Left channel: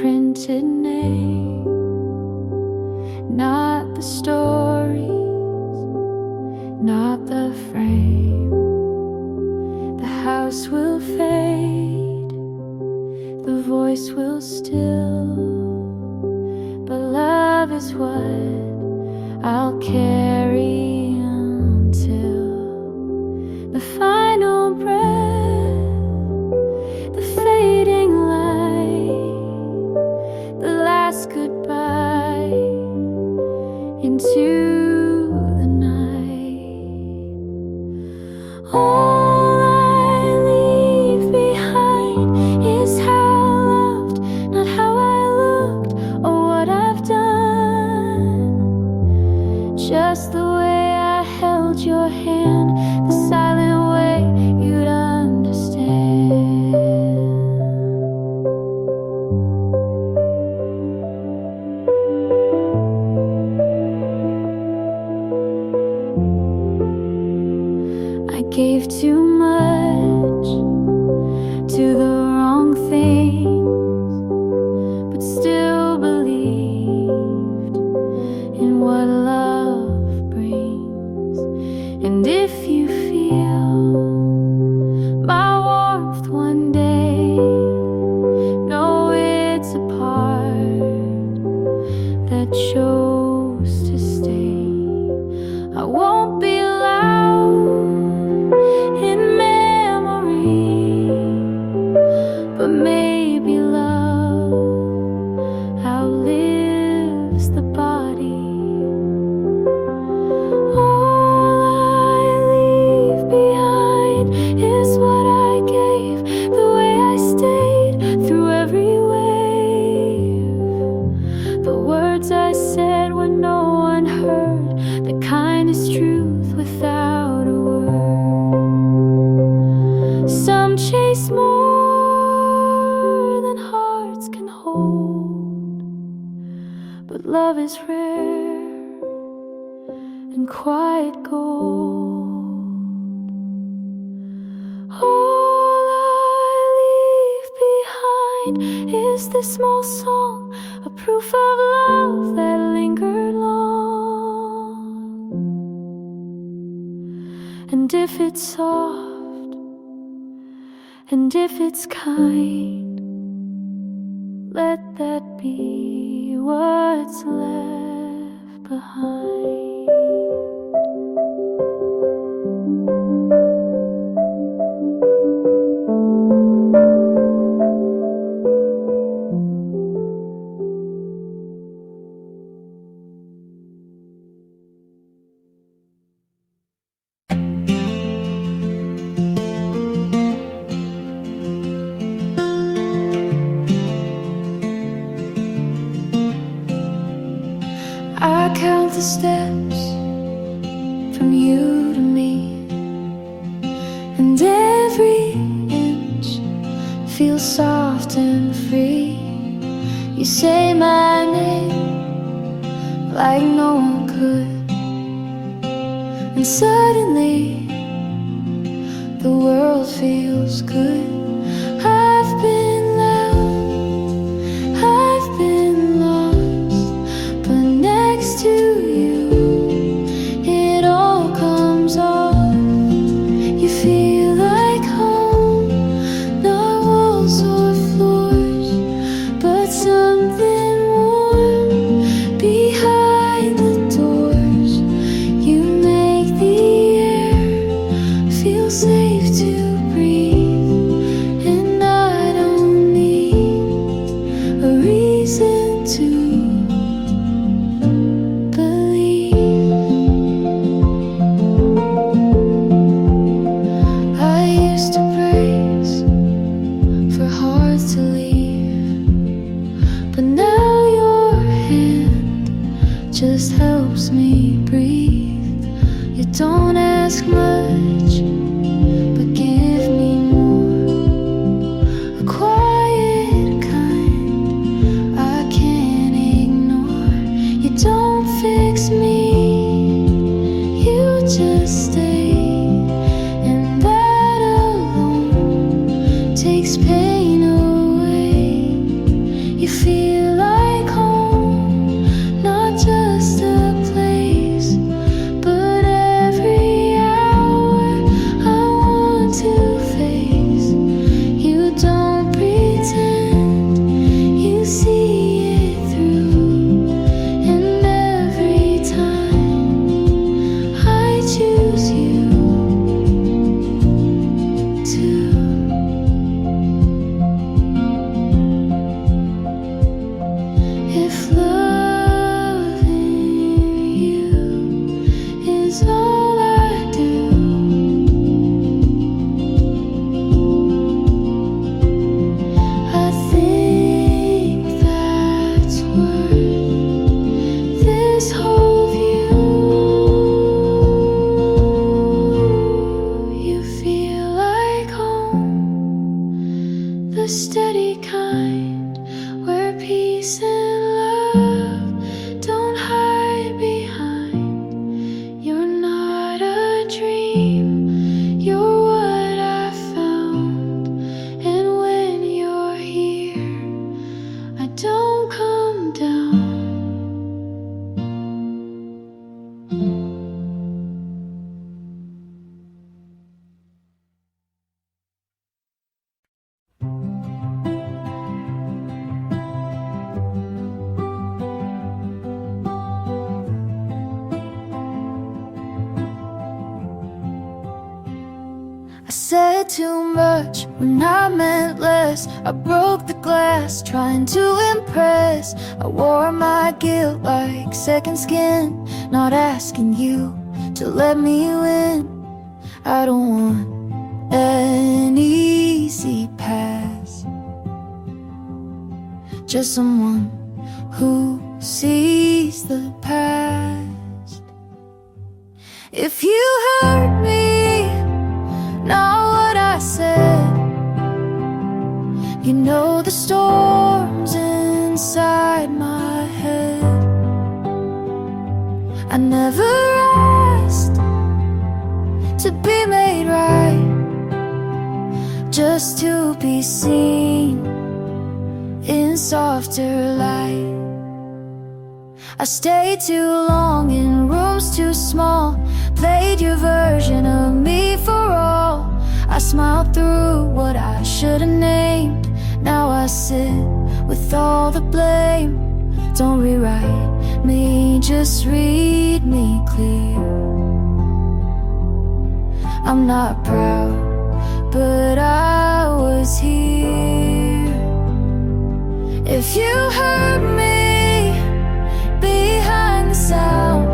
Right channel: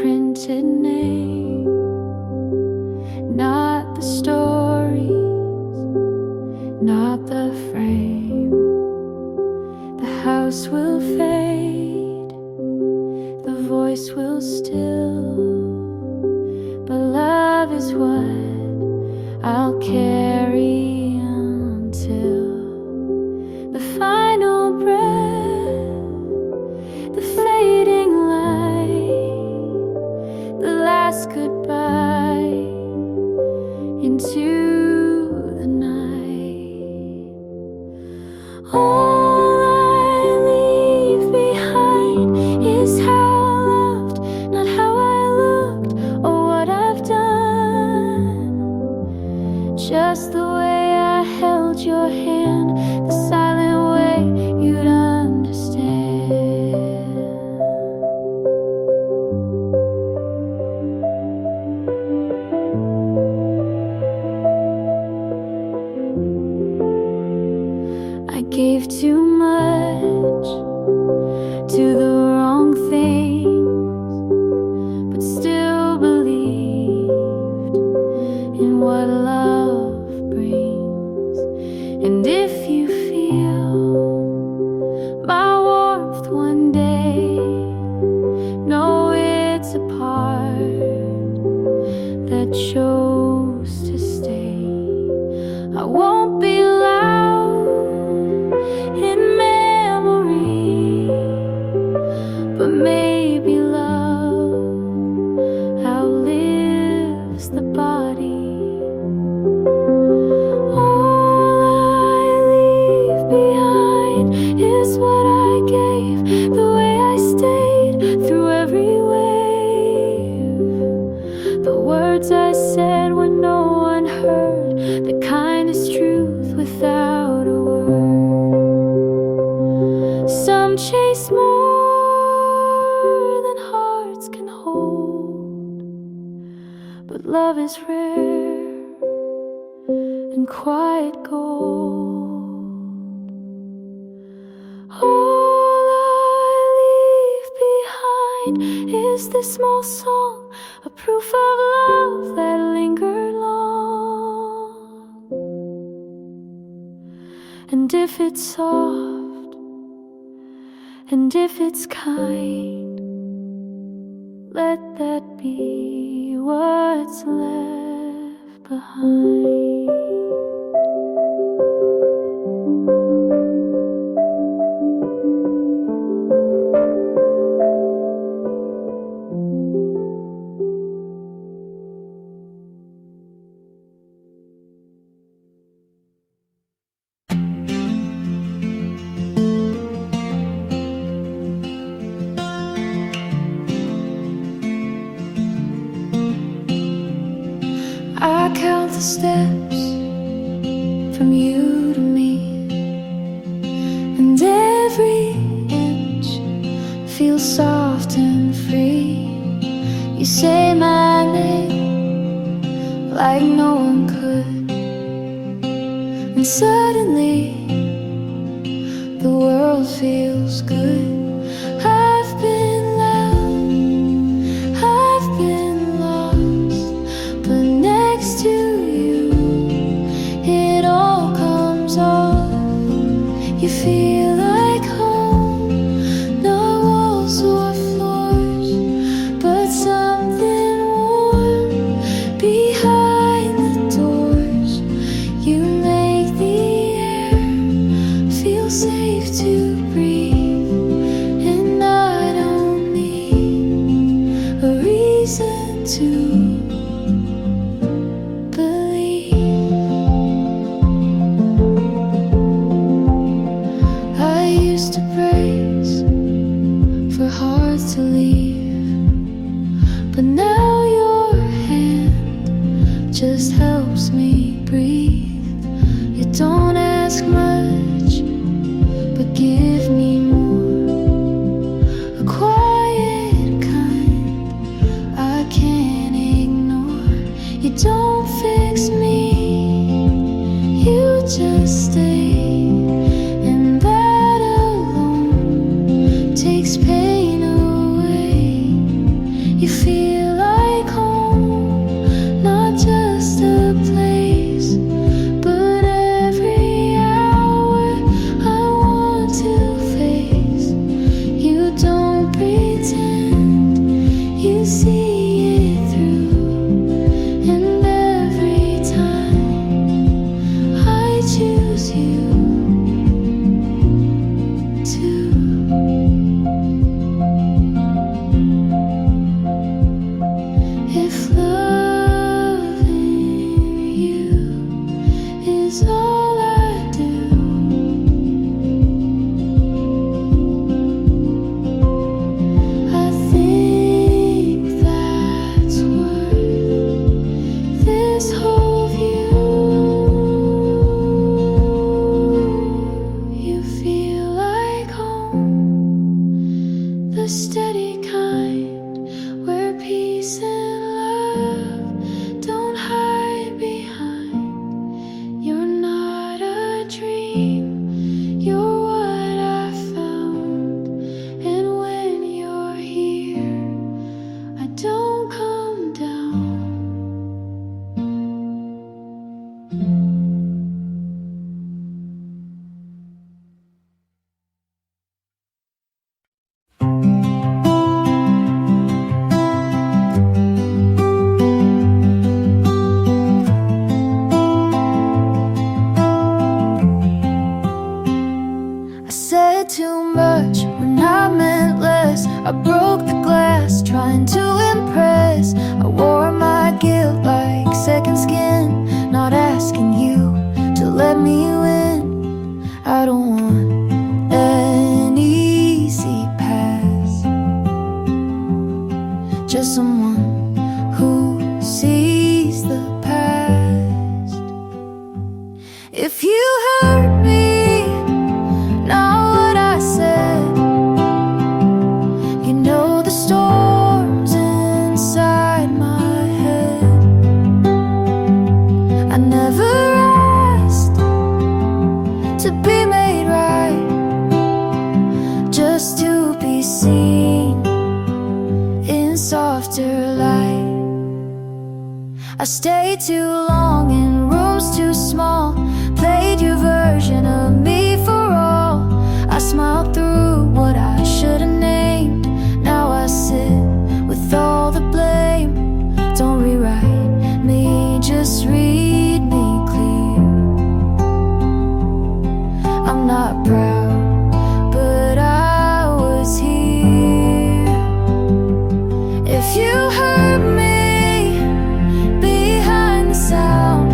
printed name, not the stories, not the frame. The house will fade, the voice will still, but love is what I'll carry until the final breath, the fading light, the last goodbye into the night. All I leave behind is how I loved, not how I looked or what I've done. Just the way I held your hand, the silent way you'd understand. I gave too much to the wrong things, but still believed in what love brings. And if you feel my warmth one day, know it's a part that chose to stay. I won't be loud in memory, but maybe love outlives the body. All I leave behind is what I gave, the way I stayed through every wave, the words I said when no one heard, the kindest truth without a word. Some chase more than hearts can hold, but love is rare and quiet gold. All I leave behind is this small song, a proof of love that lingered long. And if it's soft, and if it's kind, let that be what's left behind. I count the steps from you to me, and every inch feels soft and free. You say my name like no one could, and suddenly the world feels good. I've been loud, I've been lost, but next to you it all comes off. You feel like home, not walls or floors, but something warm behind the doors. You make the air feel safe to breathe, and I don't You feel like home, not just a place, but every hour I want to face. You don't pretend, you see it through, and every time I choose you to. If loving you is all I do, I think that's worth this whole view. You feel like home, the steady kind, where peace and love don't hide behind. You're not a dream, you're what I found. And when you're here, I don't come down. I said too much when I meant less. I broke the glass trying to impress. I wore my guilt like second skin, not asking you to let me win. I don't want an easy pass, just someone who sees the past. If you hurt me, not what I said, you know the storms inside my head. I never asked to be made right, just to be seen in softer light. I stayed too long in rooms too small, played your version of me for all. I smiled through what I should have named. Now I sit with all the blame. Don't rewrite me, just read me clear. I'm not proud, but I was here. If you hurt me behind the sound,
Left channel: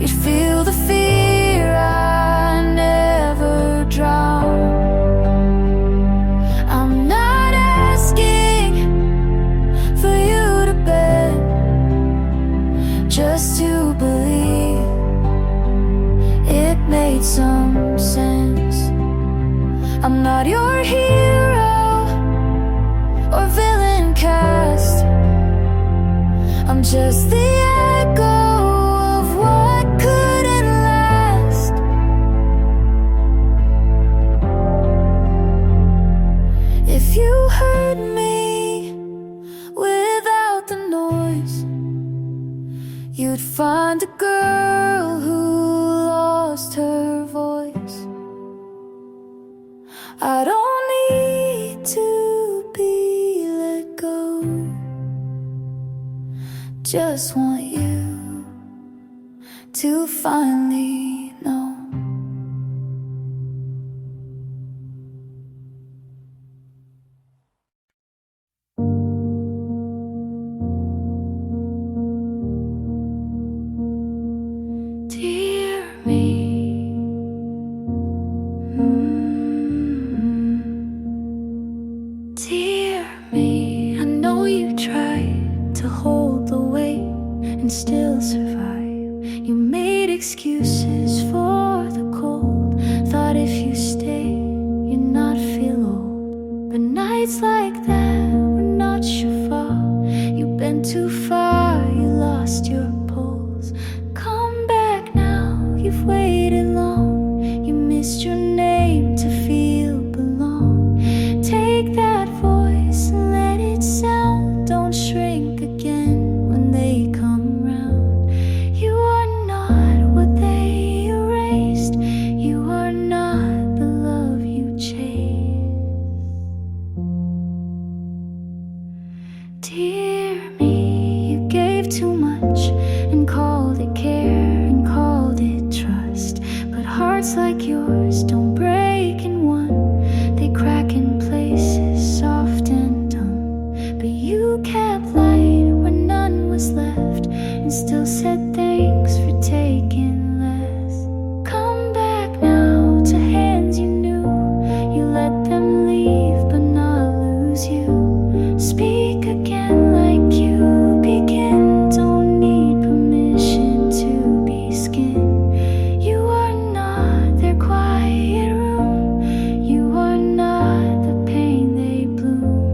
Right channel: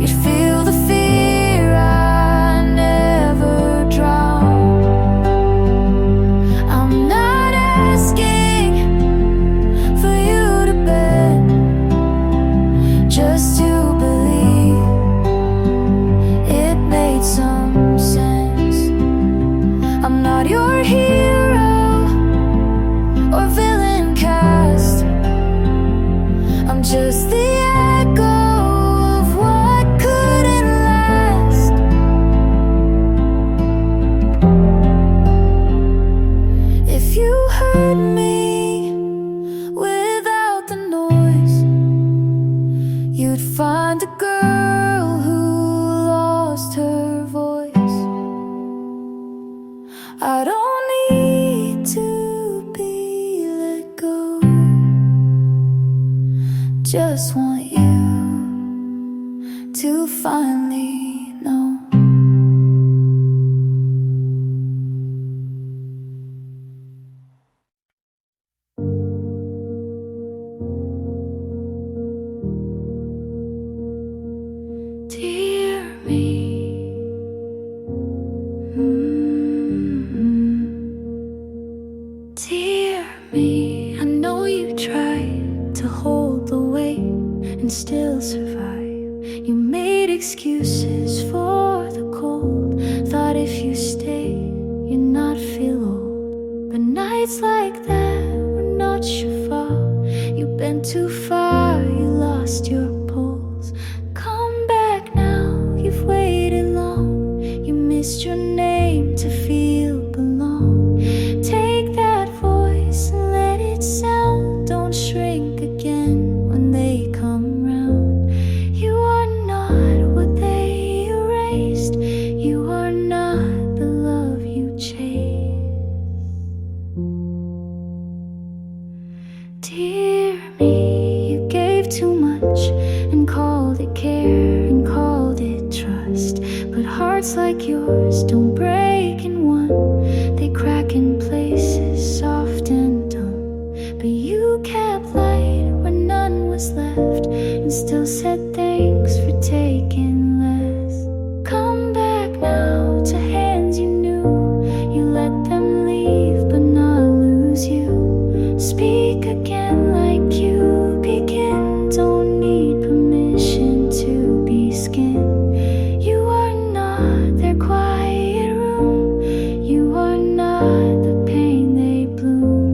you'd feel the fear I never drowned. I'm not asking for you to bend, just to believe it made some sense. I'm not your hero or villain cast, I'm just the echo of what couldn't last. If you heard me without the noise, you'd find a girl who lost her voice. I don't need to be let go, just want you to finally know. Dear me, dear me, I know you tried to hold the weight and still survive. You made excuses for the cold, thought if you stay, you'd not feel old. But nights like that were not your fault. You've been too far, you lost your pulse. Come back now, you've waited long. You missed your name to feel belong. Take that voice and let it Dear me, you gave too much and called it care and called it trust. But hearts like yours don't break in one, they crack in places soft and dumb. But you kept light where none was left and still said thanks for taking less. Come back now to hands you knew, you let them leave but not lose you. Speak again like you begin, don't need permission to be skin. You are not their quiet room, you are not the pain they bloom.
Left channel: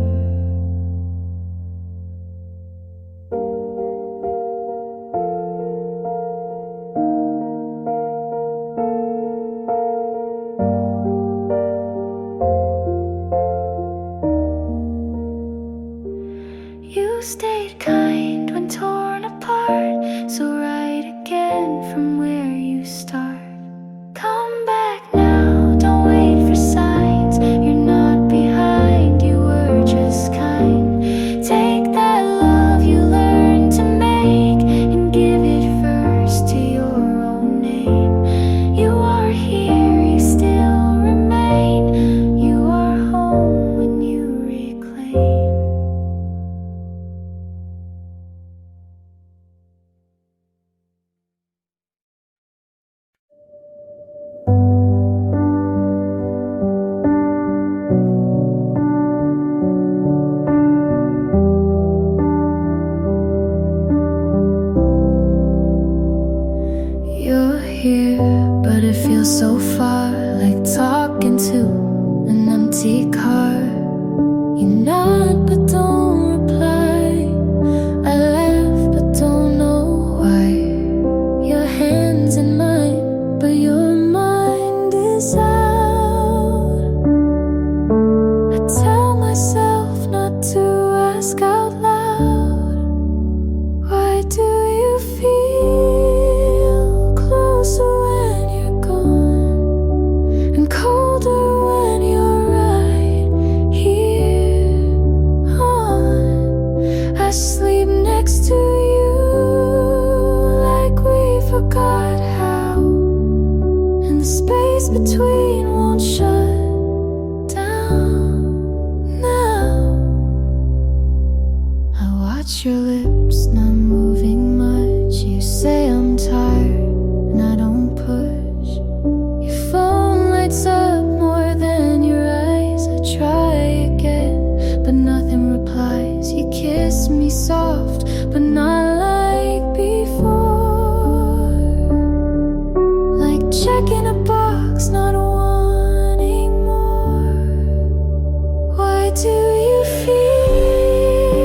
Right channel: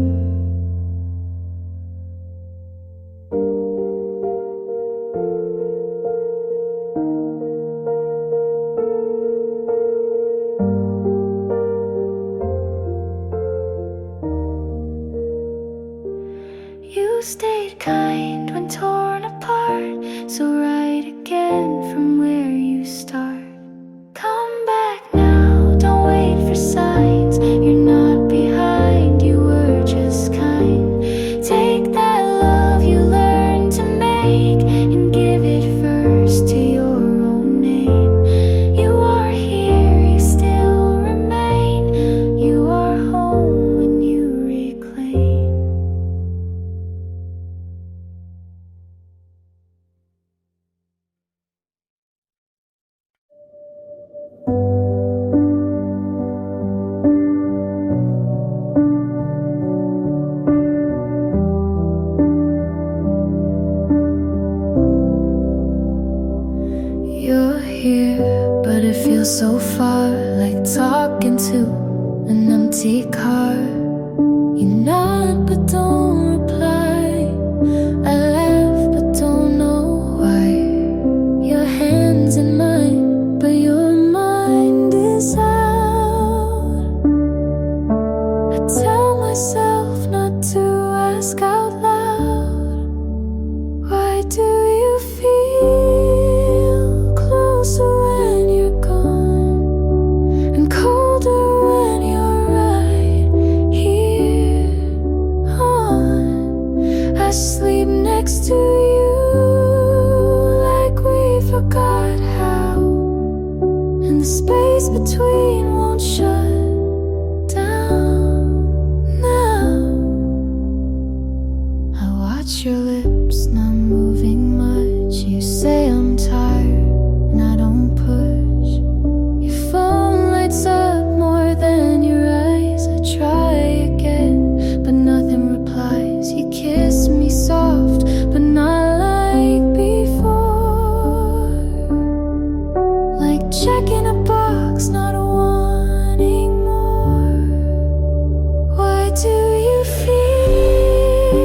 You stayed kind when torn apart, so write again from where you start. Come back now, don't wait for signs, you're not behind, you were just kind. Take that love you learned to make and give it first to your own name. You are here, you still remain, you are home when you reclaim. You're here, but it feels so far, like talking to an empty car. You nod but don't reply, I laugh but don't know why. Your hand's in mine, but your mind is out. I tell myself not to ask out loud, why do you feel closer when you're gone and colder when you're right here on? I sleep next to you like we forgot how, and the space between won't shut down now. I watch your lips not moving much, you say I'm tired and I don't push. Your phone lights up more than your eyes. I try again, but nothing replies. You kiss me soft, but not like before. Like checking a box, not wanting more. Why do you feel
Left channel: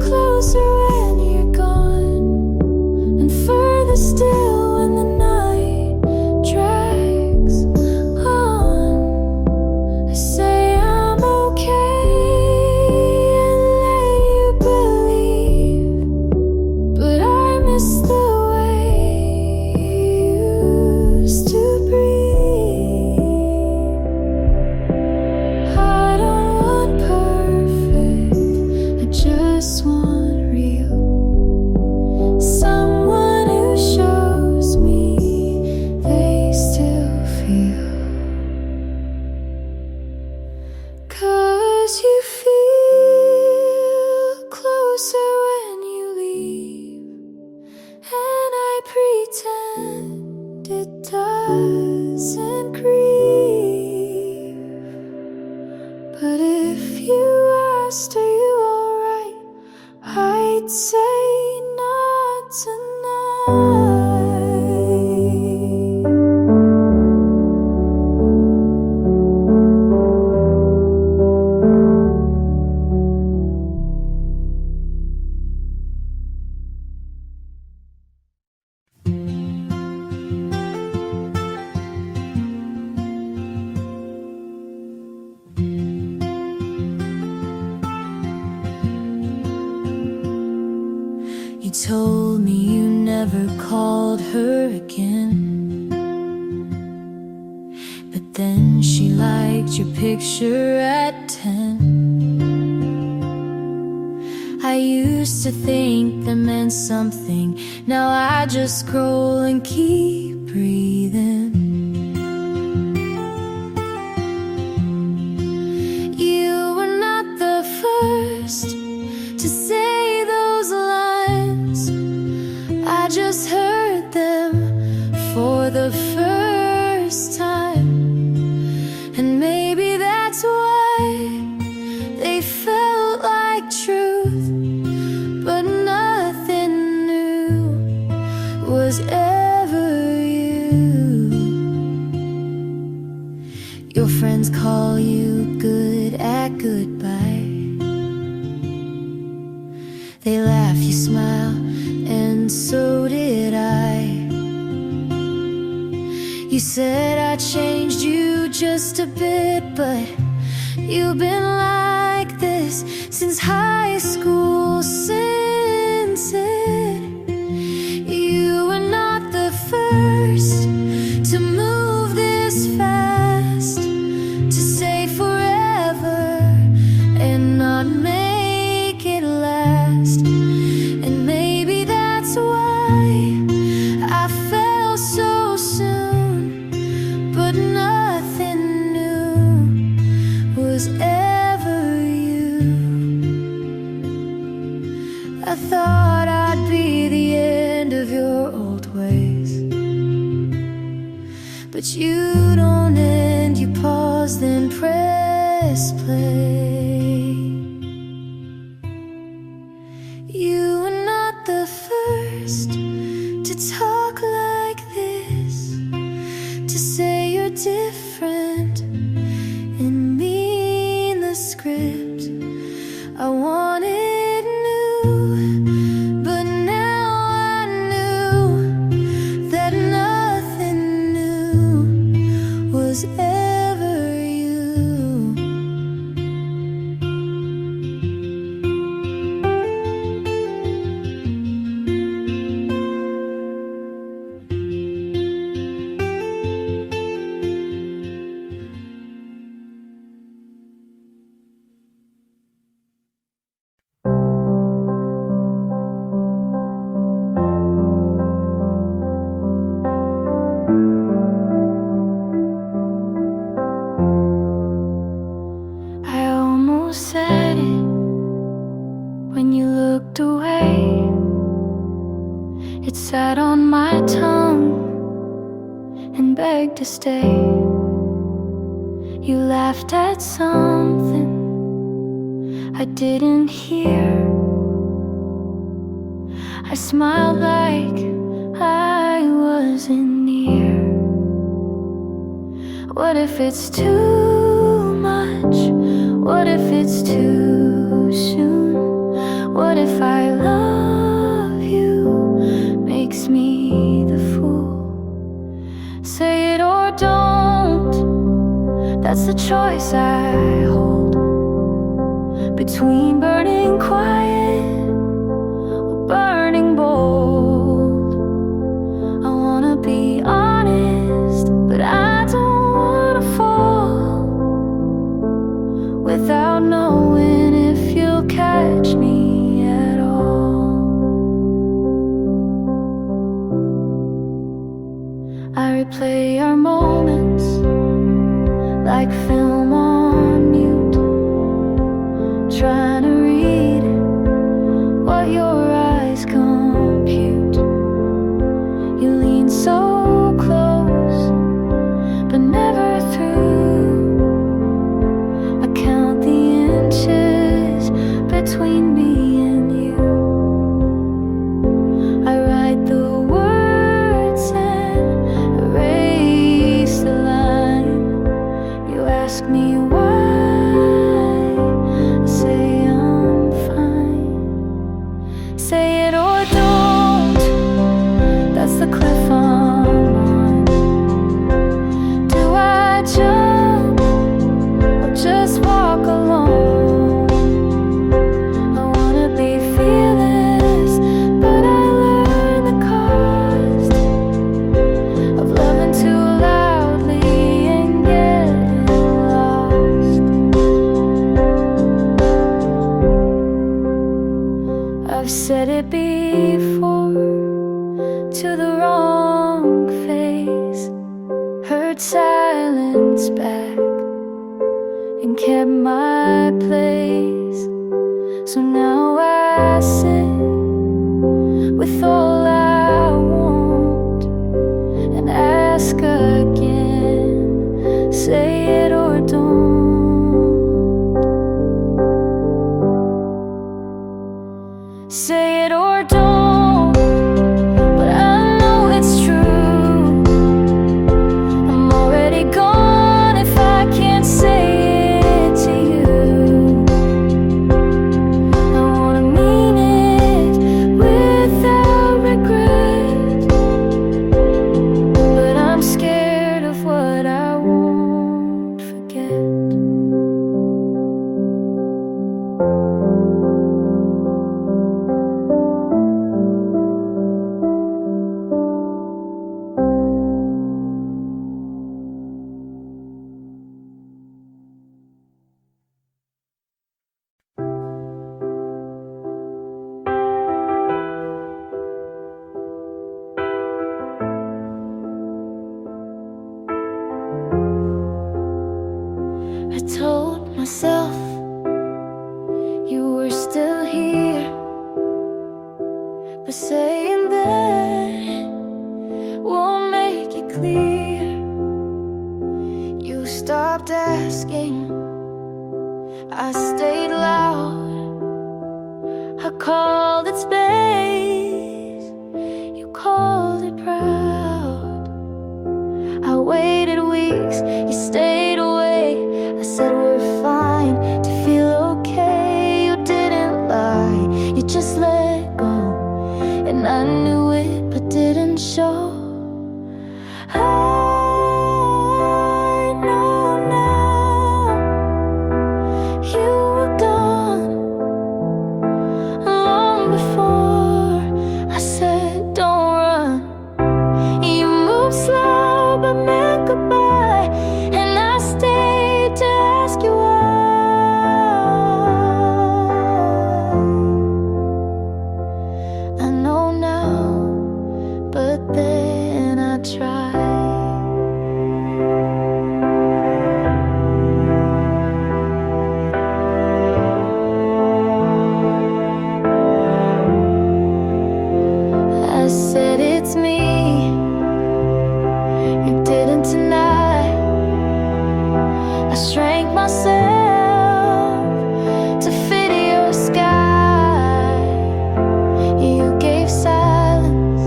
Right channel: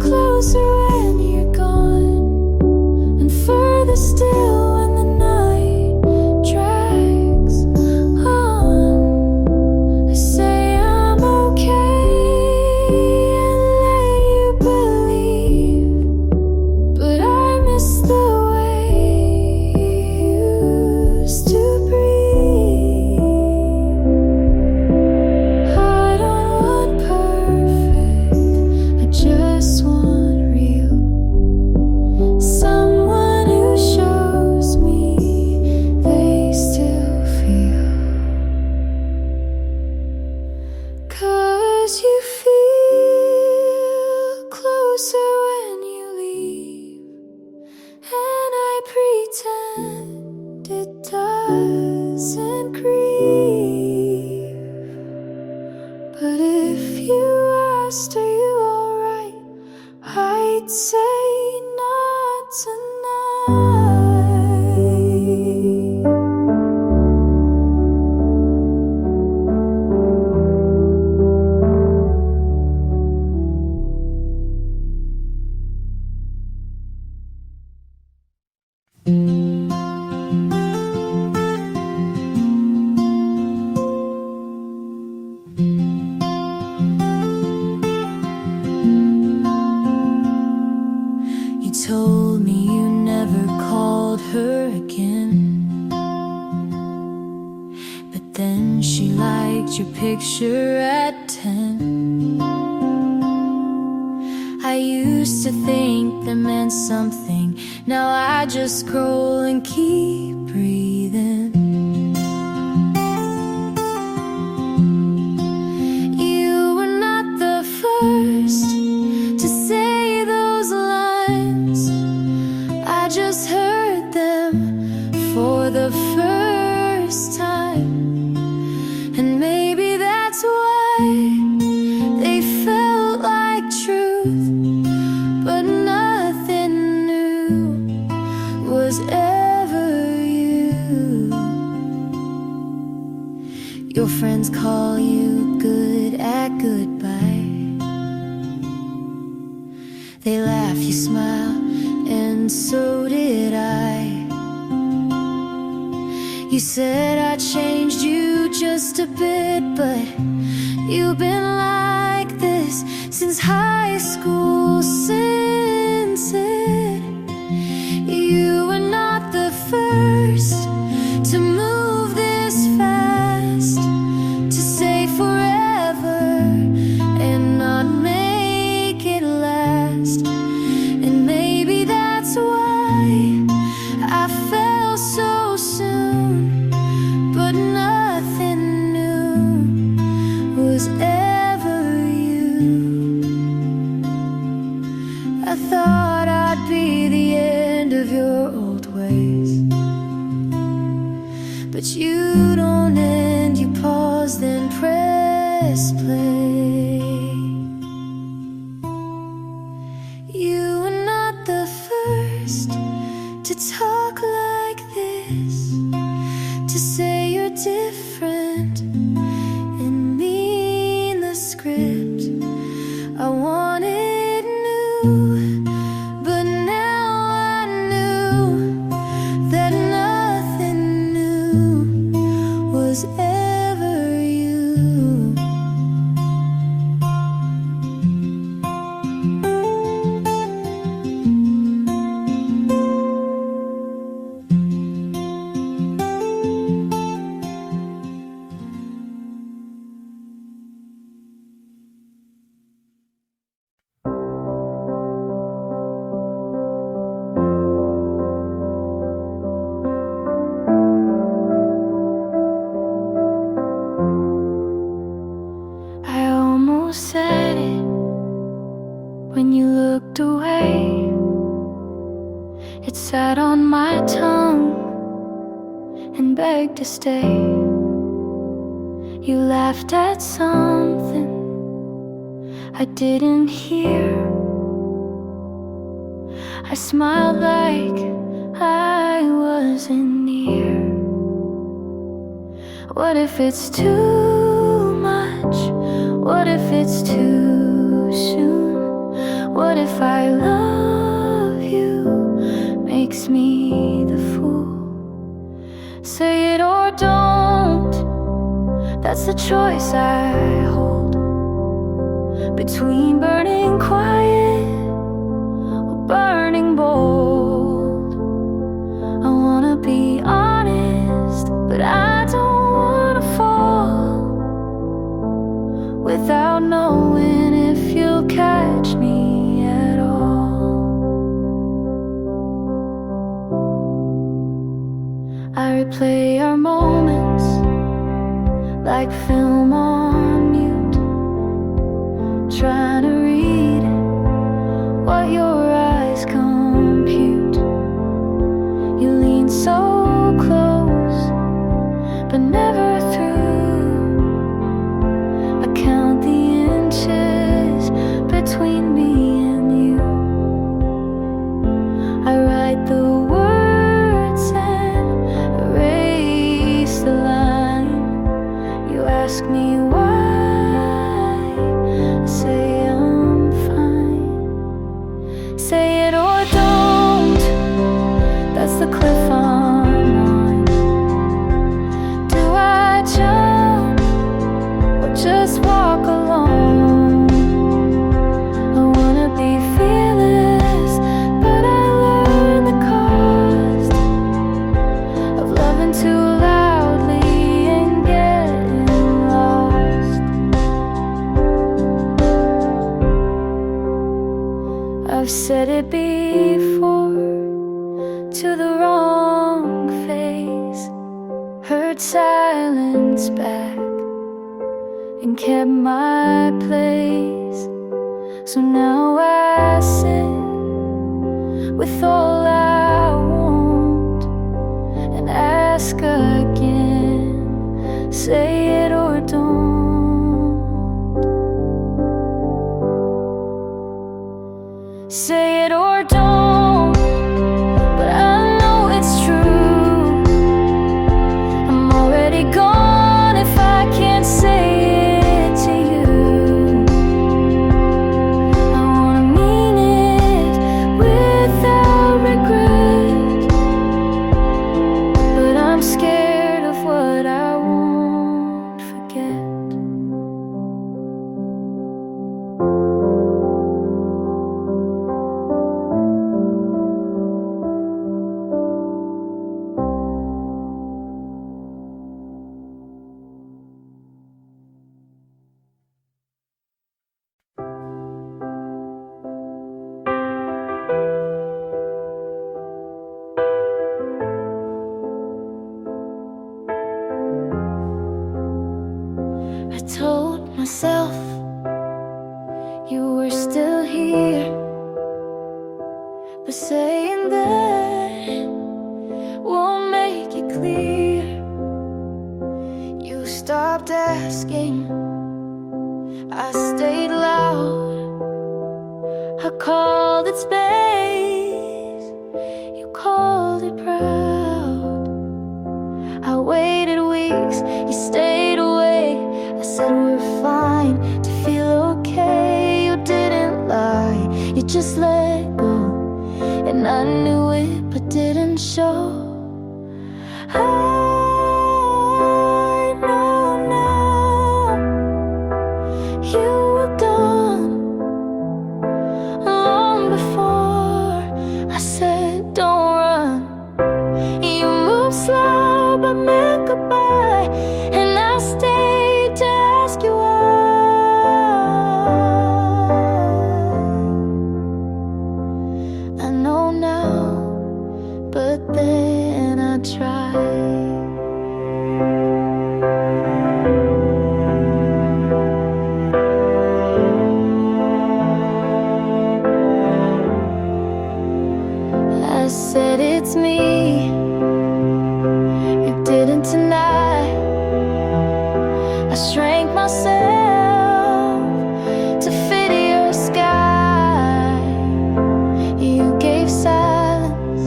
closer when you're gone and further still when the night drags on? I say I'm okay and let you believe, but I miss the way you used to breathe. I don't want perfect, I just want real. Someone who shows me they still feel. 'Cause you feel closer when you leave, and I pretend it doesn't grieve. But if you asked, are you alright, I'd say not tonight. You told me you never called her again, but then she liked your picture at 10. I I used to think that meant something. Now I just scroll and keep breathing. You were not the first to say those lines. I just heard them for the first time. And maybe that's why they felt like truth, but nothing new was ever you. Your friends call you good at goodbye. They laugh, you smile, and so did I. You said I changed you just a bit, but you've been like this since high school, since it. You were not the first to move this fast, to say forever and not make it last. And maybe that's why I fell so soon, but nothing new was ever you. I thought I'd be the end of your old ways, but you don't end, you pause, then press play. You were not the first to talk like this, to say you're different and mean the script. I wanted new, but now I knew that nothing new was ever you. I almost said it when you looked away. It sat on my tongue and begged to stay. You laughed at something I didn't hear. I smiled like I wasn't near. What if it's too much? What if it's too soon? What if I love you makes me the fool? Say it or don't, that's the choice I hold, between burning quiet or burning bold. I wanna be honest, but I don't wanna fall without knowing if you'll catch me at all. I replay our moments like film on mute, trying to read what your eyes compute. You lean so close, but never through. I count the inches between me and you. I write the words and erase the line. You ask me why, I say I'm fine. Say it or don't, that's the cliff I'm on. Do I jump or just walk alone? I wanna be fearless, but I learned the cost of loving too loudly and getting lost. I've said it before to the wrong face, heard silence back and kept my place. So now I sit with all I want and ask again, say it or don't. Say it or don't, but I know it's true. I'm already gone if I can't say it to you. I wanna mean it without regret, but I'm scared of what I won't forget. I told myself you were still here, but saying that won't make it clear. You stopped asking, I stayed loud. I called it space, you called it proud. I waited weeks, you stayed away. I said we're fine, to feel okay. You didn't lie, you just let go, and I knew it but didn't show. I know now you were gone long before I said don't run. You moved slow but meant goodbye, and I stayed to ask you why. I know now, but then I tried. I said it's me, you didn't deny. I shrank myself to fit your sky. You gave silence,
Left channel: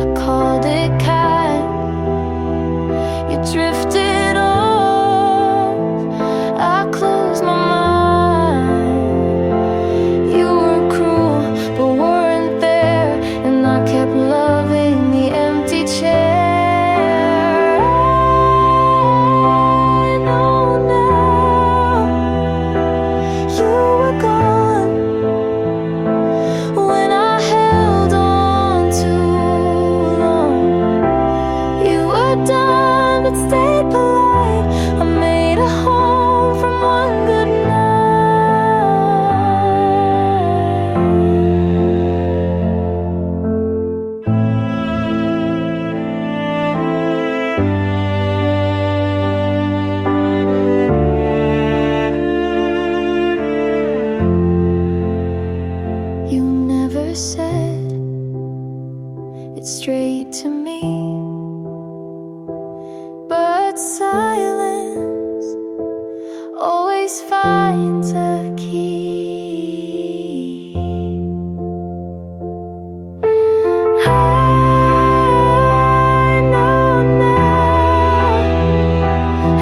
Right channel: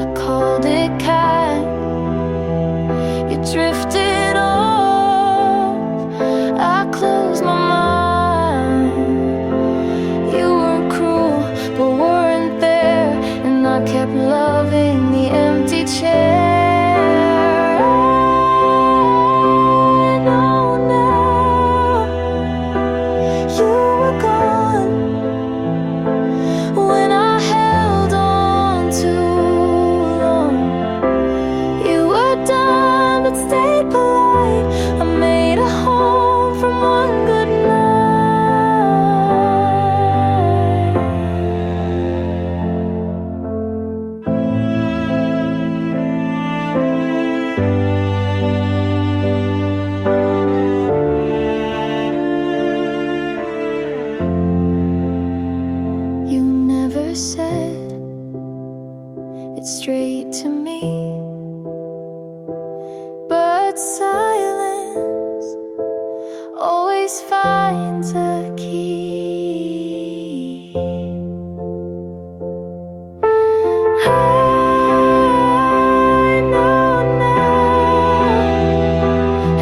I called it kind. You drifted off, I closed my mind. You were cruel, but weren't there, and I kept loving the empty chair. I know now you were gone when I held on too long. You were done but stayed polite. I made a home from one good night. You never said it straight to me, but silence always finds a key. I know now,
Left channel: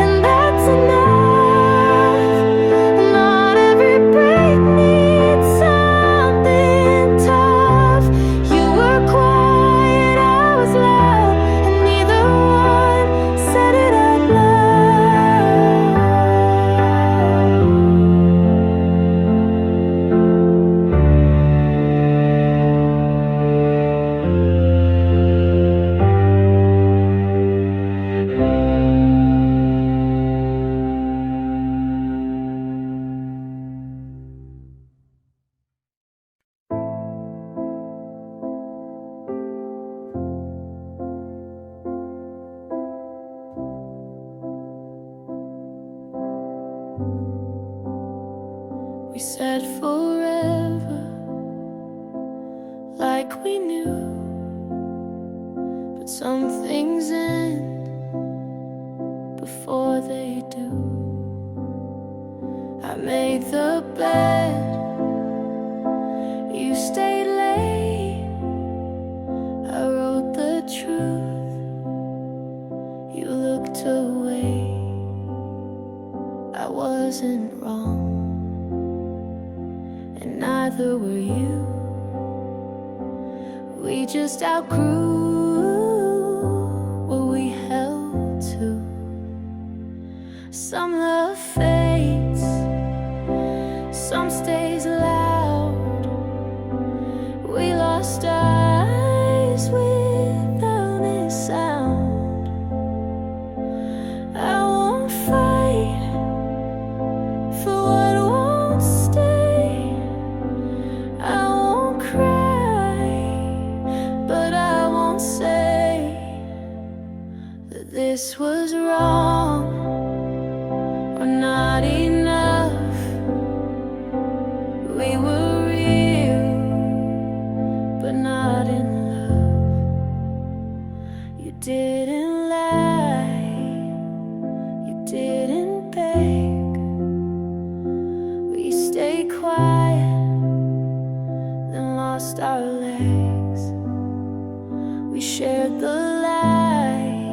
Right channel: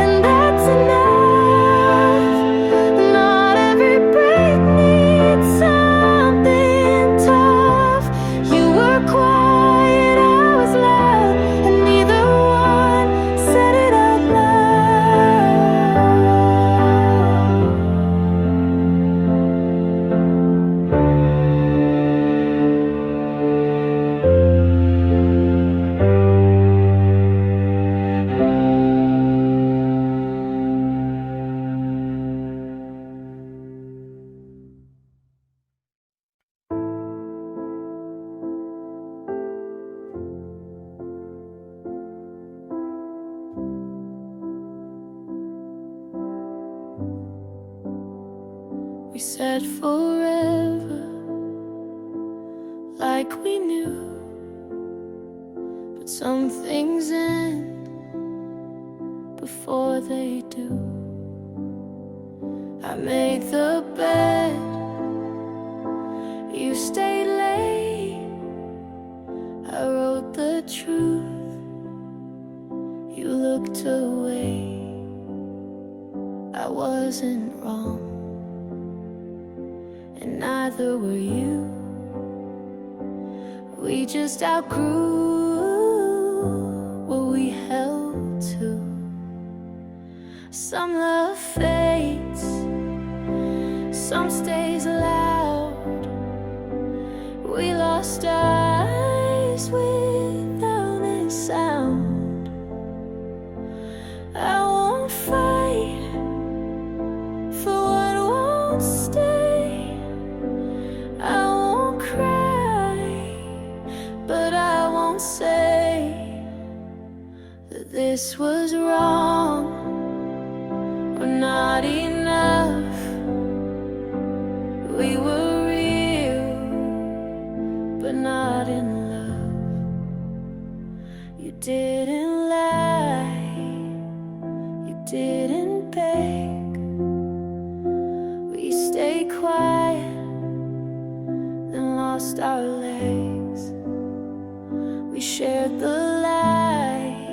and that's enough. Not every break needs something tough. You were quiet, I was loud, and neither one said it out loud. said forever, like we knew. But some things end before they do. I made the bed, you stayed late. I wrote the truth, you looked away. I wasn't wrong, and neither were you. We just outgrew what we held to. Some love fades, some stays loud. We lost eyes without a sound. I won't fight for what won't stay. I won't cry, but I won't say that this was wrong or not enough. We were real, but not in love. You didn't lie, you didn't beg. We stayed quiet, then lost our legs. We shared the light,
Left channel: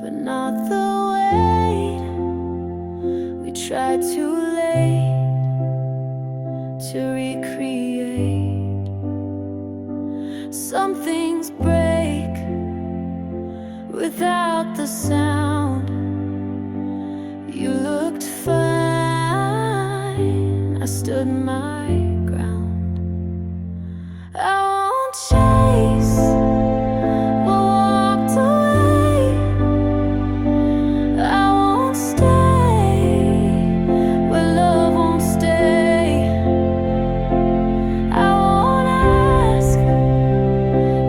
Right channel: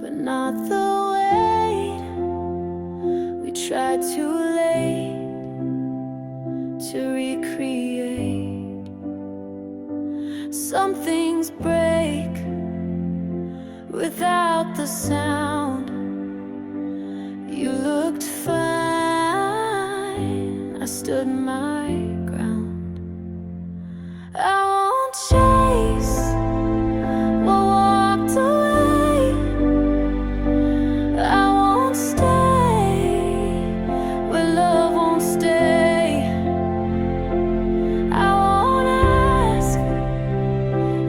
but not the weight. We tried too late to recreate. Some things break without the sound. You looked fine, I stood my ground. I won't chase what walked away. I won't stay where love won't stay. I won't ask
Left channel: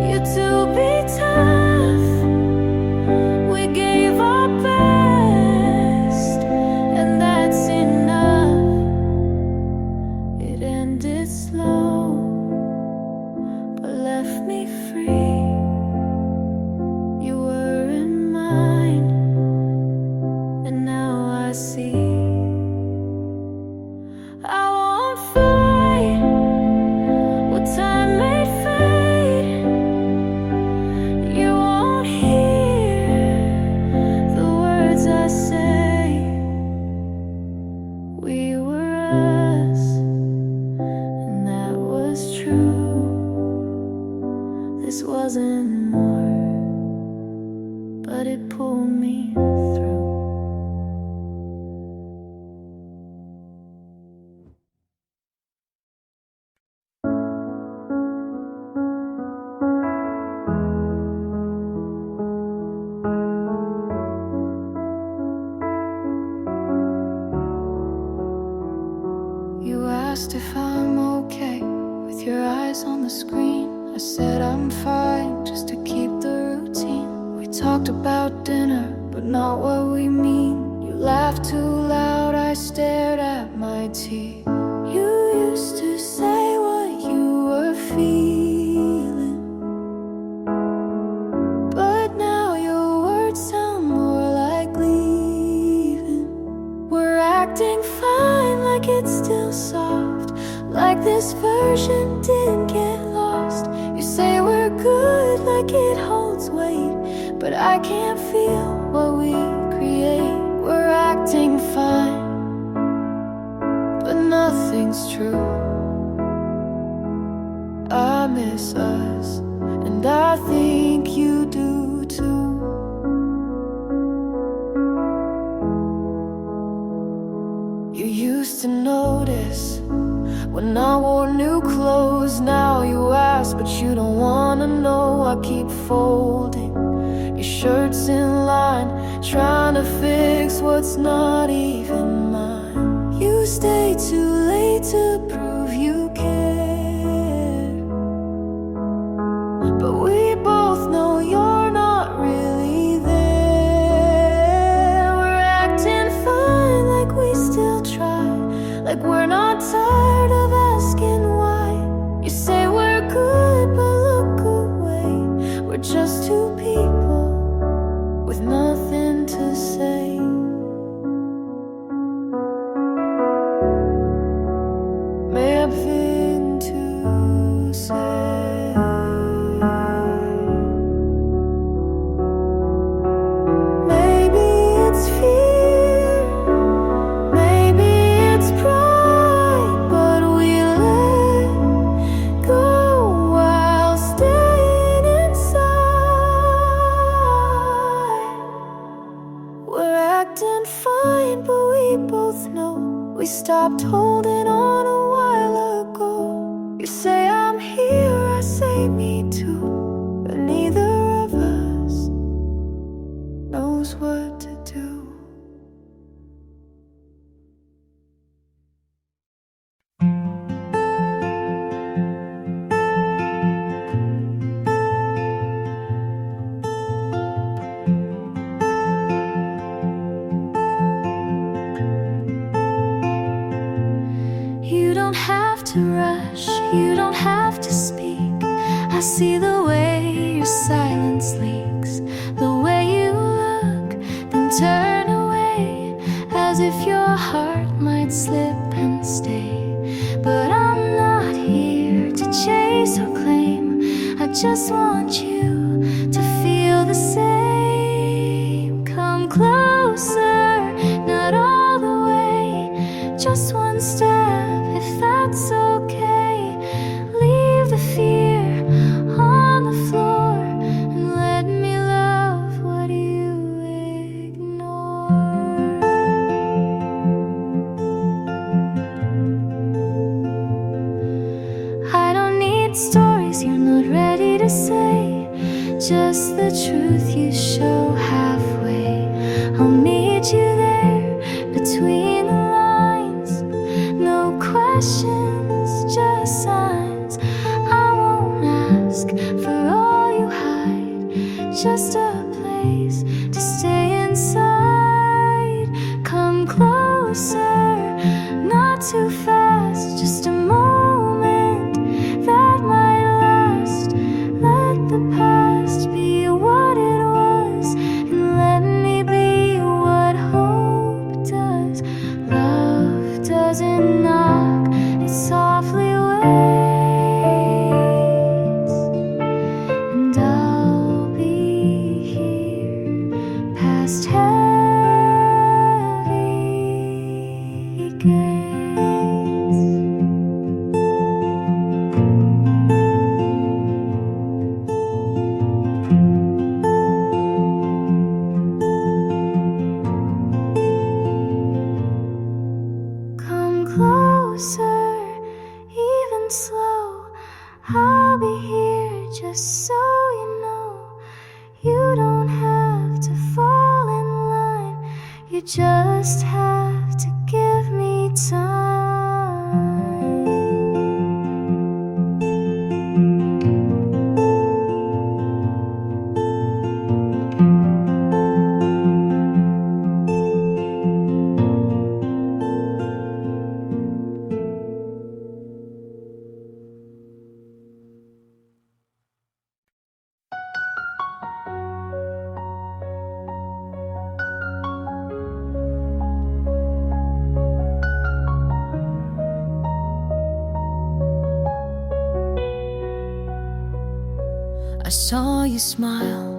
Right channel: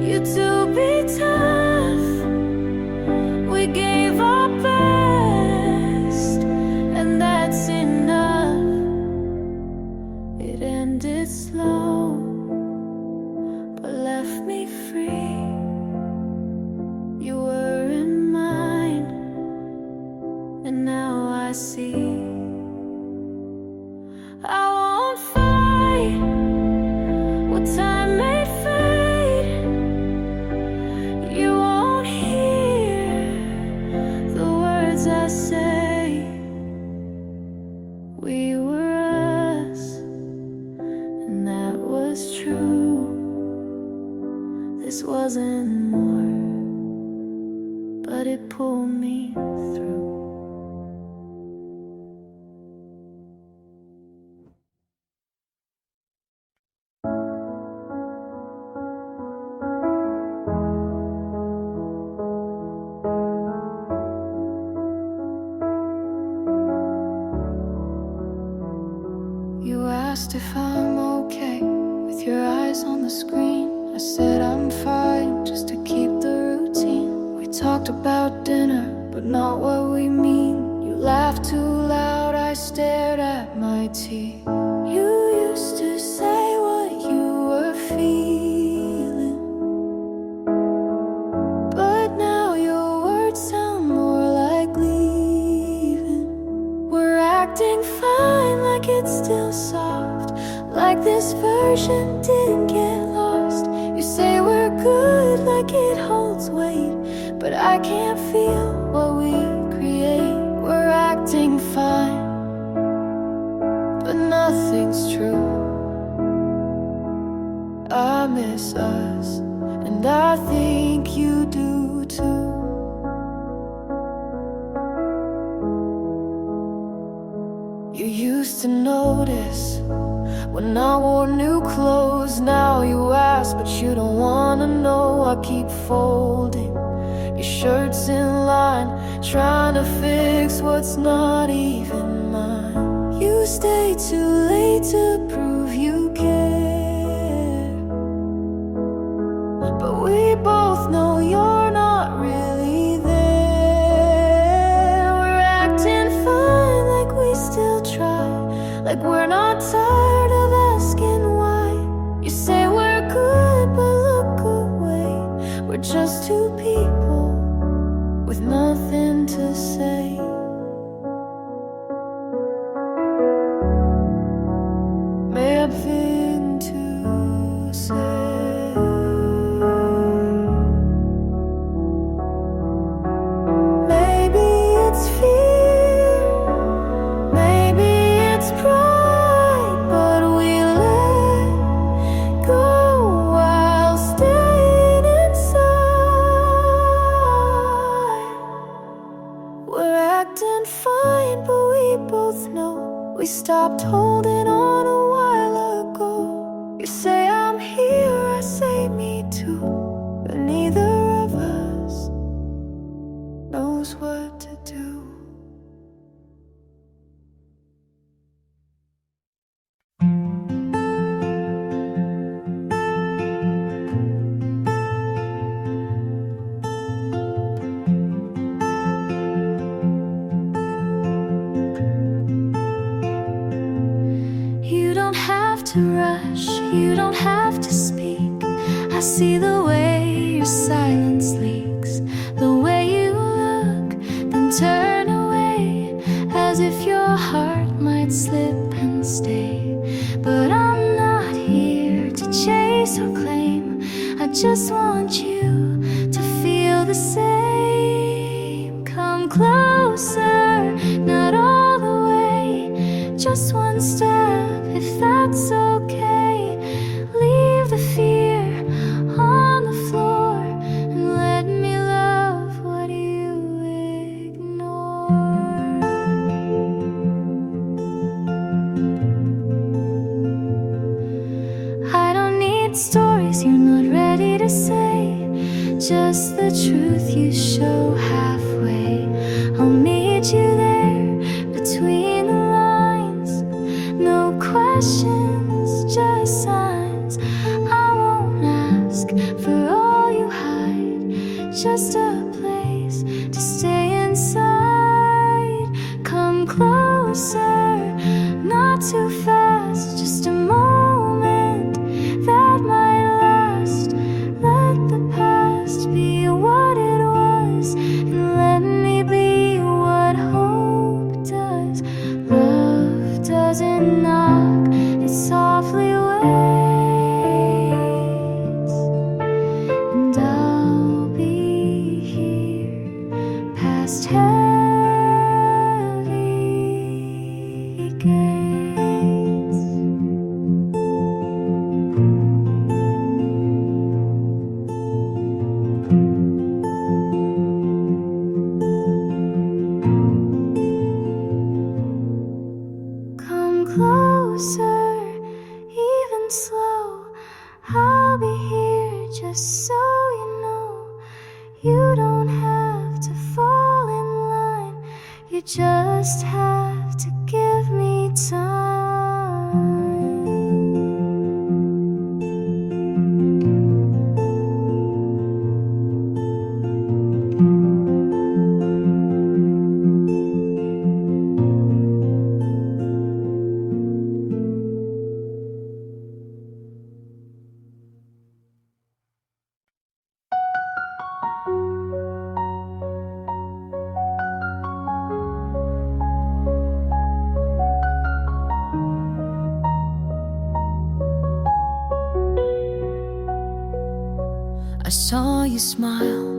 you to be tough. We gave our best, and that's enough. It ended slow, but left me free. You were in mine, and now I see. I won't fight what time made fade. You won't hear the words I say. We were us, and that was true. This wasn't more, but it pulled me through. You asked if I'm okay with your eyes on the screen. I said I'm fine, just to keep the routine. We talked about dinner, but not what we mean. You laughed too loud, I stared at my tea. You used to say what you were feeling, but now your words sound more like leaving. We're acting fine, like it's still soft, like this version didn't get lost. You say we're good, like it holds weight, but I can't feel what we create. We're acting fine, but nothing's true. I miss us, and I think you do too. You used to notice when I wore new clothes. Now you ask, but you don't wanna know. I keep folding your shirts in line, trying to fix what's not even mine. You stay too late to prove you care, but we both know you're not really there. We're acting fine, like we still try, like we're not just two people with nothing to say. Nothing to say. Maybe it's fear, maybe it's pride, but we let go while staying inside. We're acting fine, but we both know we stopped holding on a while ago. You say I'm here, I say me too, but neither of us knows what to do. You don't have to rush, you don't have to speak. I see the way your silence leaks, the way you look, then turn away, as if your heart might slip and stay. But I'm not here to chase or claim, I just want you to feel the same. Come closer, not all the way, just one step, if that's okay. Leave the fear on the floor and let me love what you ignore. I don't need stories you're not ready to say, just the truth you show halfway. I'll meet you there between the lines. No questions, just signs. I won't ask for all you hide, just a place to stay inside. Come closer, not too fast, just a moment that might last. Let the past be what it was, and let me be what hope does. Love doesn't knock, it softly waits, and I'll be here past heavy gates. Come closer, even slow. I'll be here just so you know. You don't have to fall in line, you just have to give me time. I saw you smile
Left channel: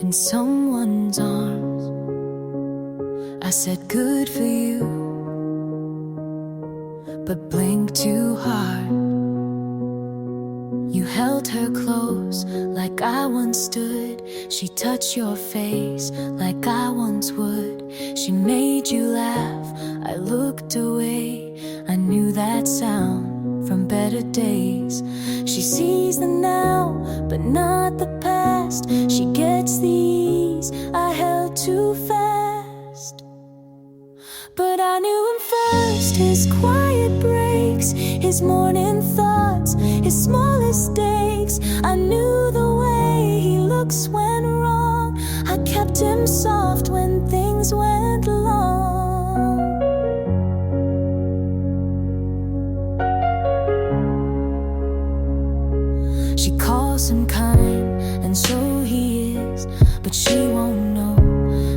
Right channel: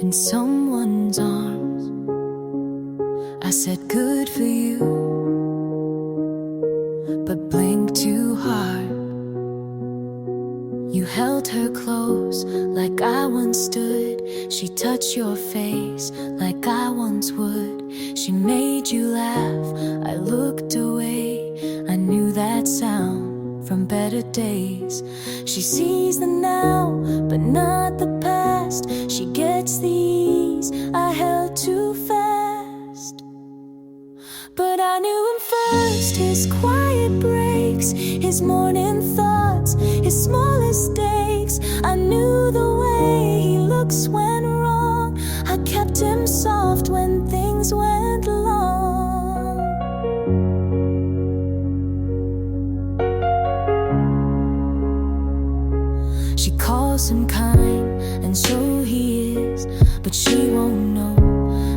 in someone's arms. I said good for you, but blinked too hard. You held her close like I once stood. She touched your face like I once would. She made you laugh, I looked away. I knew that sound from better days. She sees the now, but not the past. She gets the ease I held too fast. But I knew him first, his quiet breaks, his morning thoughts, his smallest stakes. I knew the way he looks when wrong. I kept him soft when things went long. She calls him kind, and so he is, but she won't know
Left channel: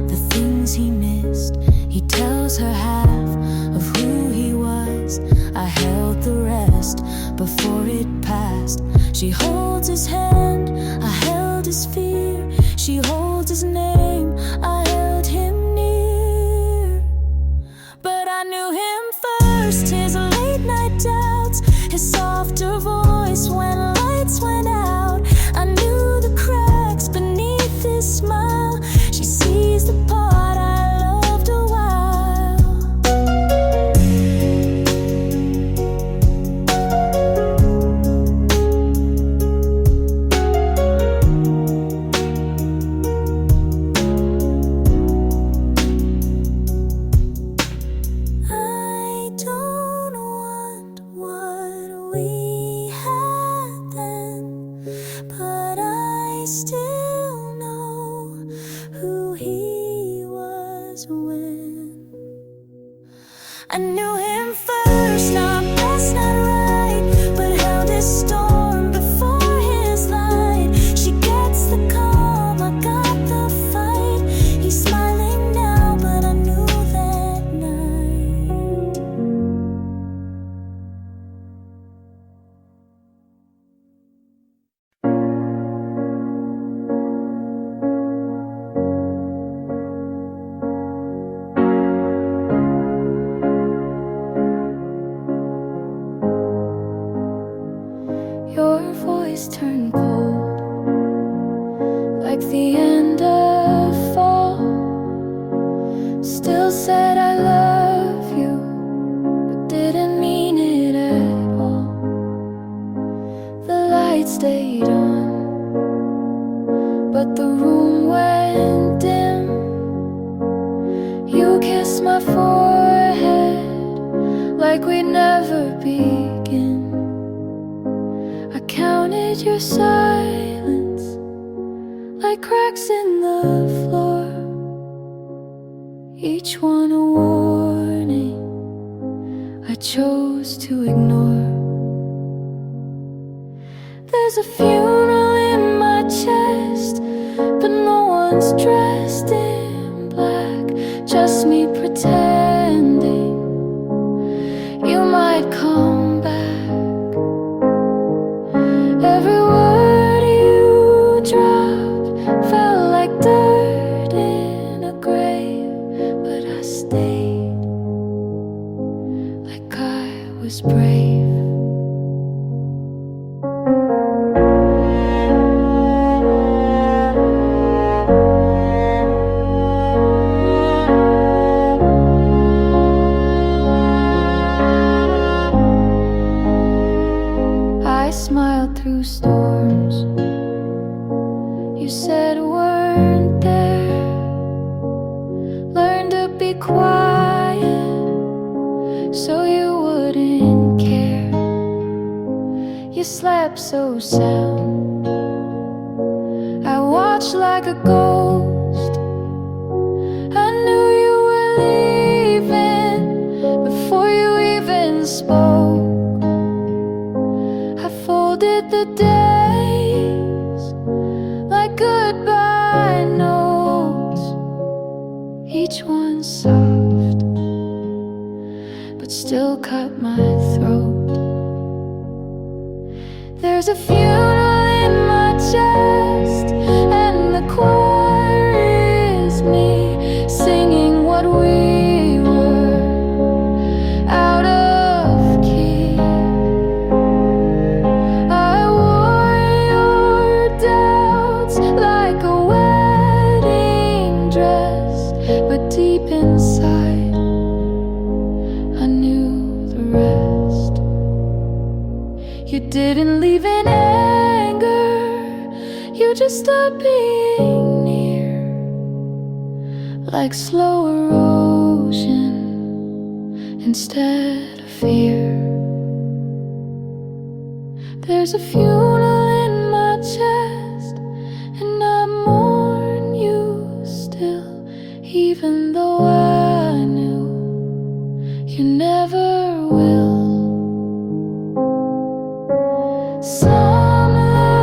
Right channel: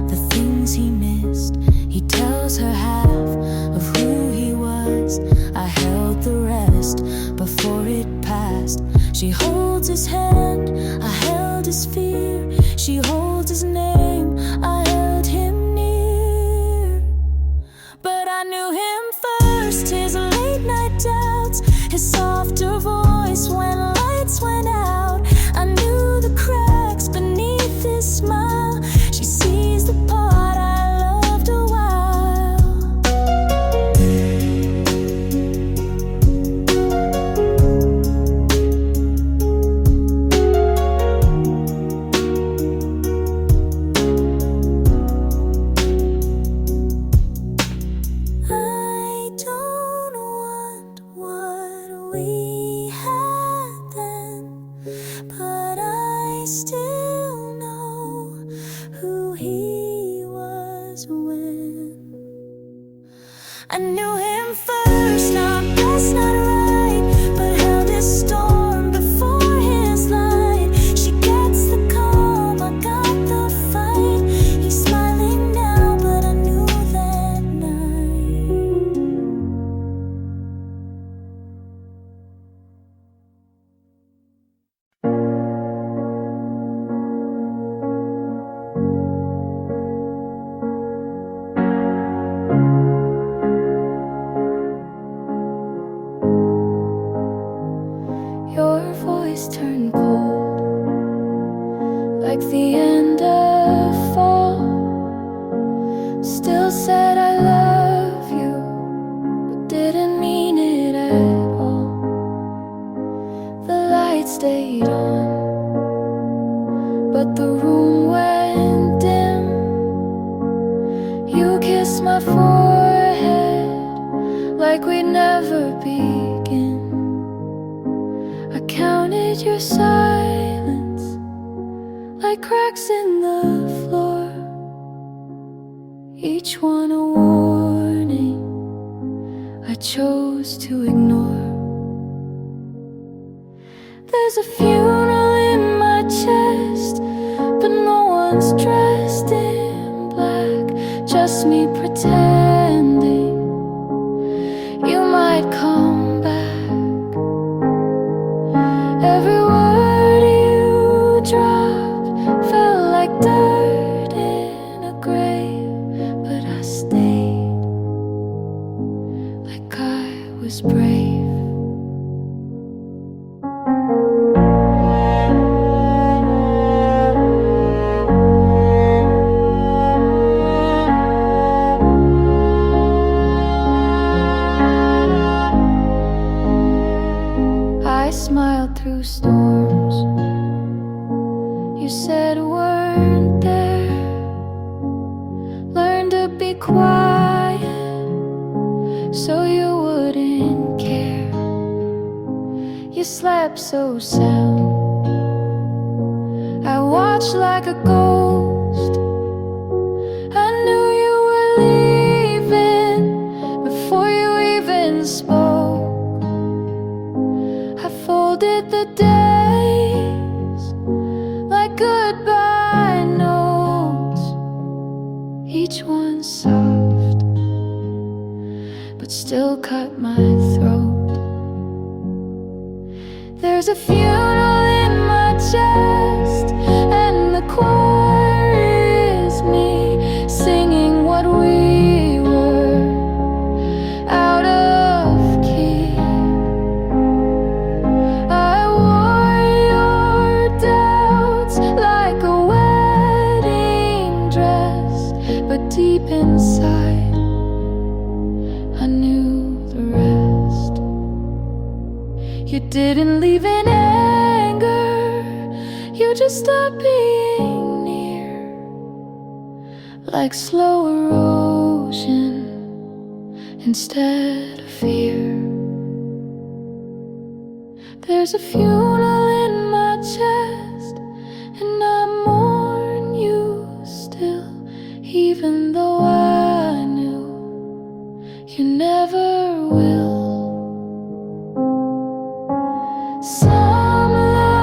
the things he missed. He tells her half of who he was. I held the rest before it passed. She holds his hand, I held his fear. She holds his name, I held him near. But I knew him first, his late night doubts, his softer voice when lights went out. I knew the cracks beneath his smile. She sees the part I loved a while. I don't want what we had then, but I still know who he was when I knew him first, not best, not right, but held his storm before his light. She gets the calm, I got the fight. He's smiling now, but I knew that night. Your voice turned cold, like the end of fall. Still said I love you, but didn't mean it at all. The light stayed on, but the room went dim. You kissed my forehead like we'd never begin. I counted your silence like cracks in the floor, each one a warning I chose to ignore. There's a funeral in my chest, but no one's dressed in black, just me pretending you might come back. Every word you dropped felt like dirt in a grave, but I stayed like I was brave. I smiled through storms you said weren't there. Learned to be quiet so you wouldn't care. You slept so sound, I watched like a ghost. I knew you were leaving before you even spoke. I folded the days like goodbye notes, each one soft, but still cut my throat. There's a funeral in my chest, and the choir is me singing what we were, out of key. I wore your doubts like a wedding dress, but deep inside I knew the rest. You didn't leave in anger, you just stopped being near, like slow erosion instead of fear. There's a funeral in my chest, and I mourn you still, even though I knew you never will. Some love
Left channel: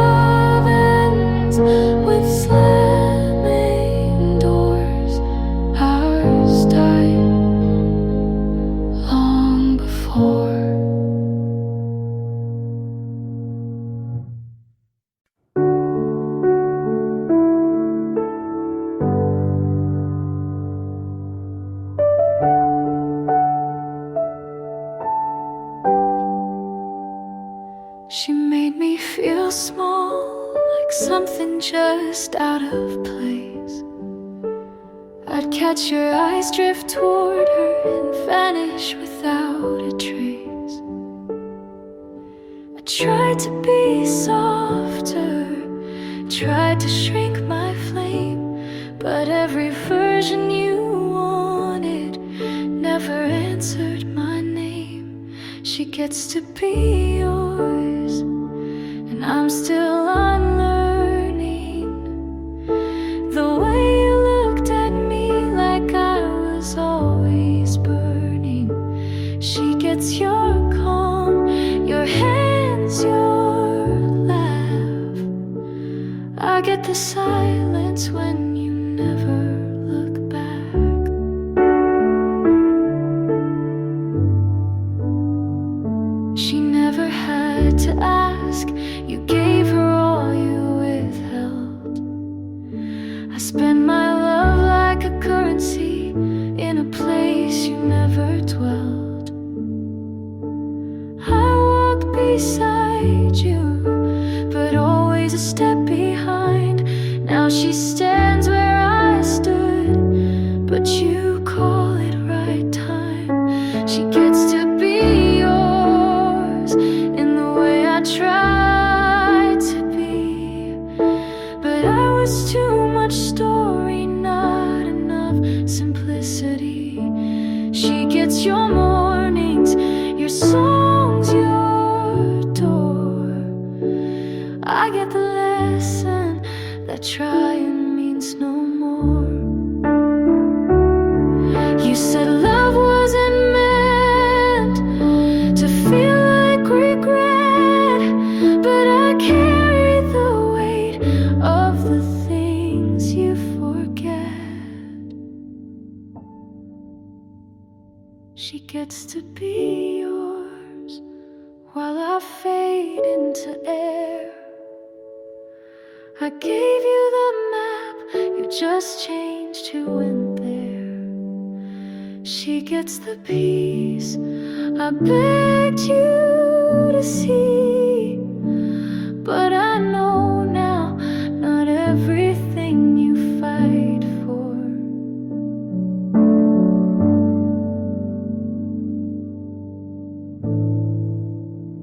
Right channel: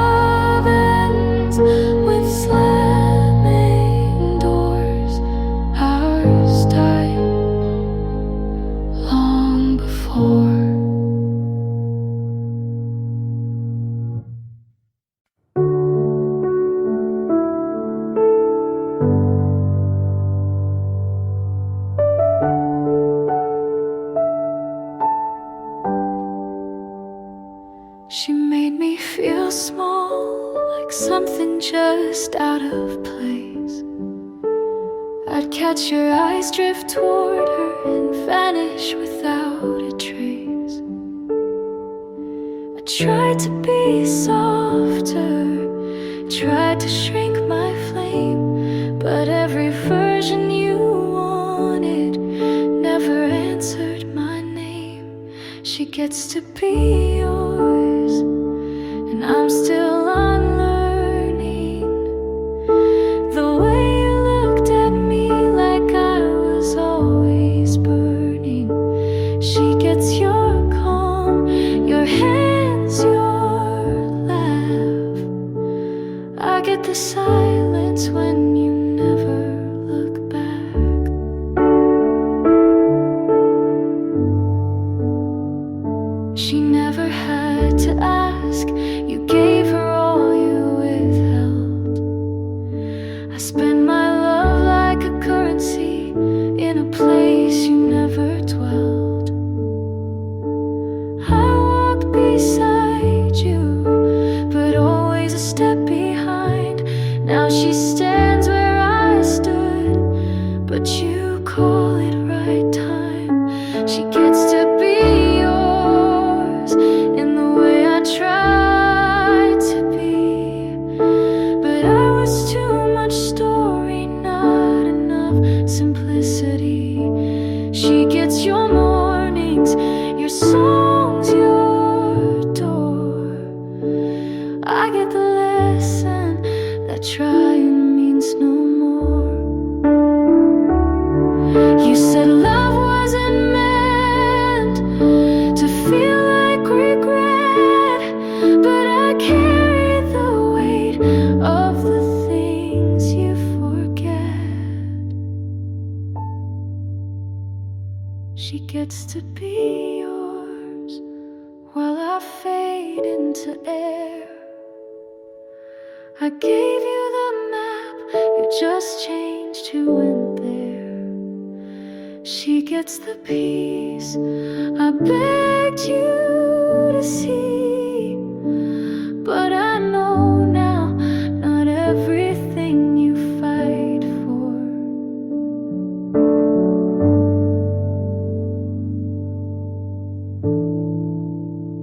She made me feel small, like something just out of place. I'd catch your eyes drift toward her and vanish without a trace. I tried to be softer, tried to shrink my flame, but every version you wanted never answered my name. She gets to be yours, and I'm still unlearning the way you looked at me like I was always burning. She gets your calm, your hands, your laugh. I get the silence when you never look back. She never had to ask, you gave her all you withheld. I spend my love like a currency in a place you never dwelled. I walk beside you, but always a step behind. Now she stands where I stood, but you call it right time. She gets to be yours in the way I tried to be, but I was too much story, not enough simplicity. She gets your mornings, your songs, your door. I get the lesson that trying means no more. You said love wasn't meant to feel like regret, but I carry the weight of the things you forget. She gets to be yours while I fade into air. I gave you the map, you just changed who went there. She gets the peace I begged you to see, but I know now not everything you fight for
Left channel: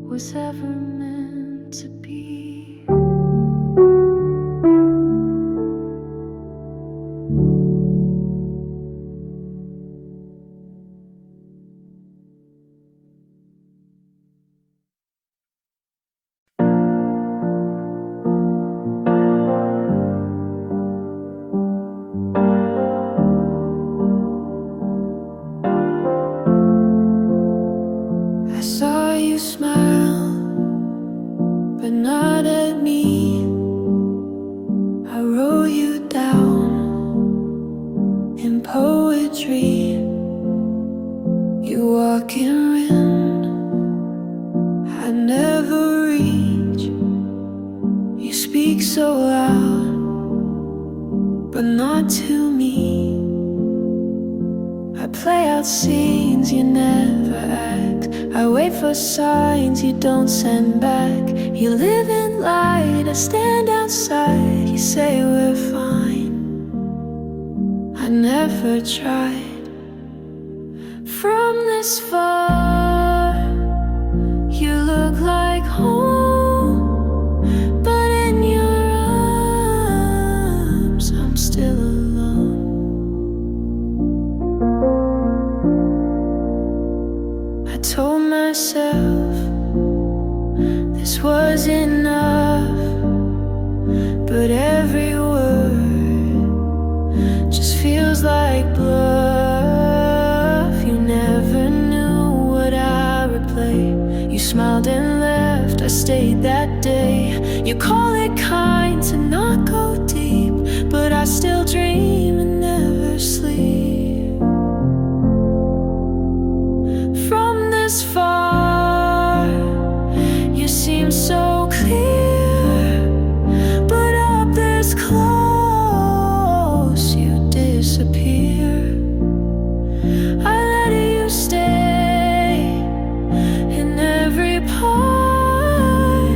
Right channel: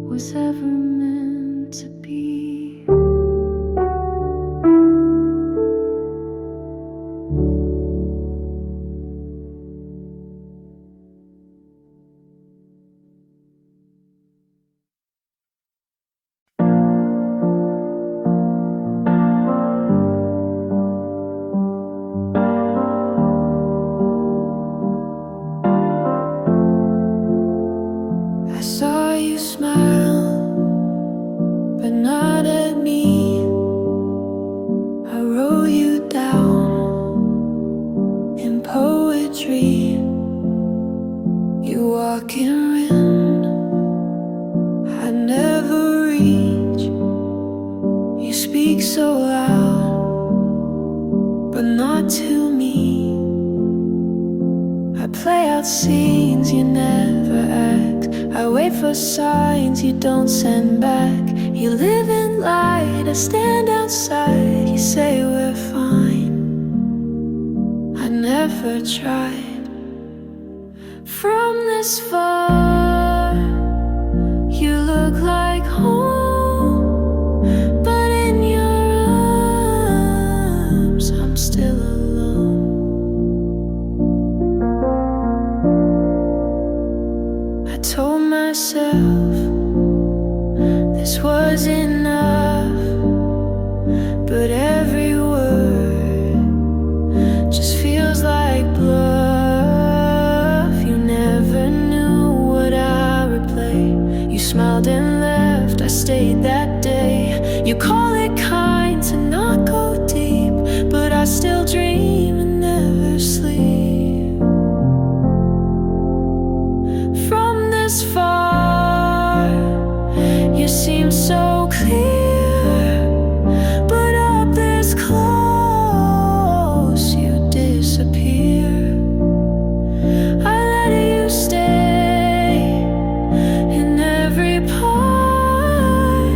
was ever meant to be. I saw you smile, but not at me. I wrote you down in poetry. You walk in wind I never reach. You speak so loud, but not to me. I play out scenes you never act. I wait for signs you don't send back. You live in light, I stand outside. You say we're fine, I never tried. From this far, you look like home, but in your arms I'm still alone. I told myself this was enough, but every word just feels like bluff. You never knew what I would play. You smiled and left, I stayed that day. You call it kind to not go deep, but I still dream and never sleep. From this far, you seem so clear, but up this close, you disappear. I let you stay in every part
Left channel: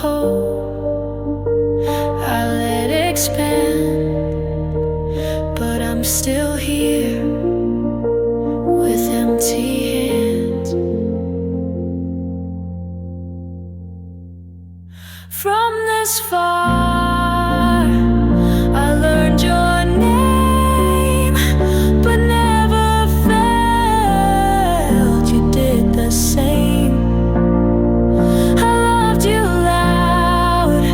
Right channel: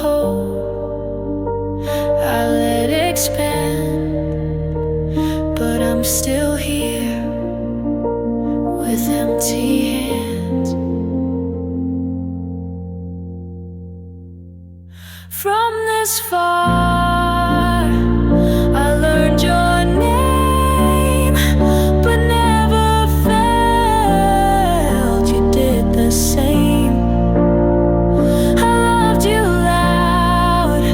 hope I let expand, but I'm still here with empty hands. From this far, I learned your name, but never felt you did the same. I loved you loud,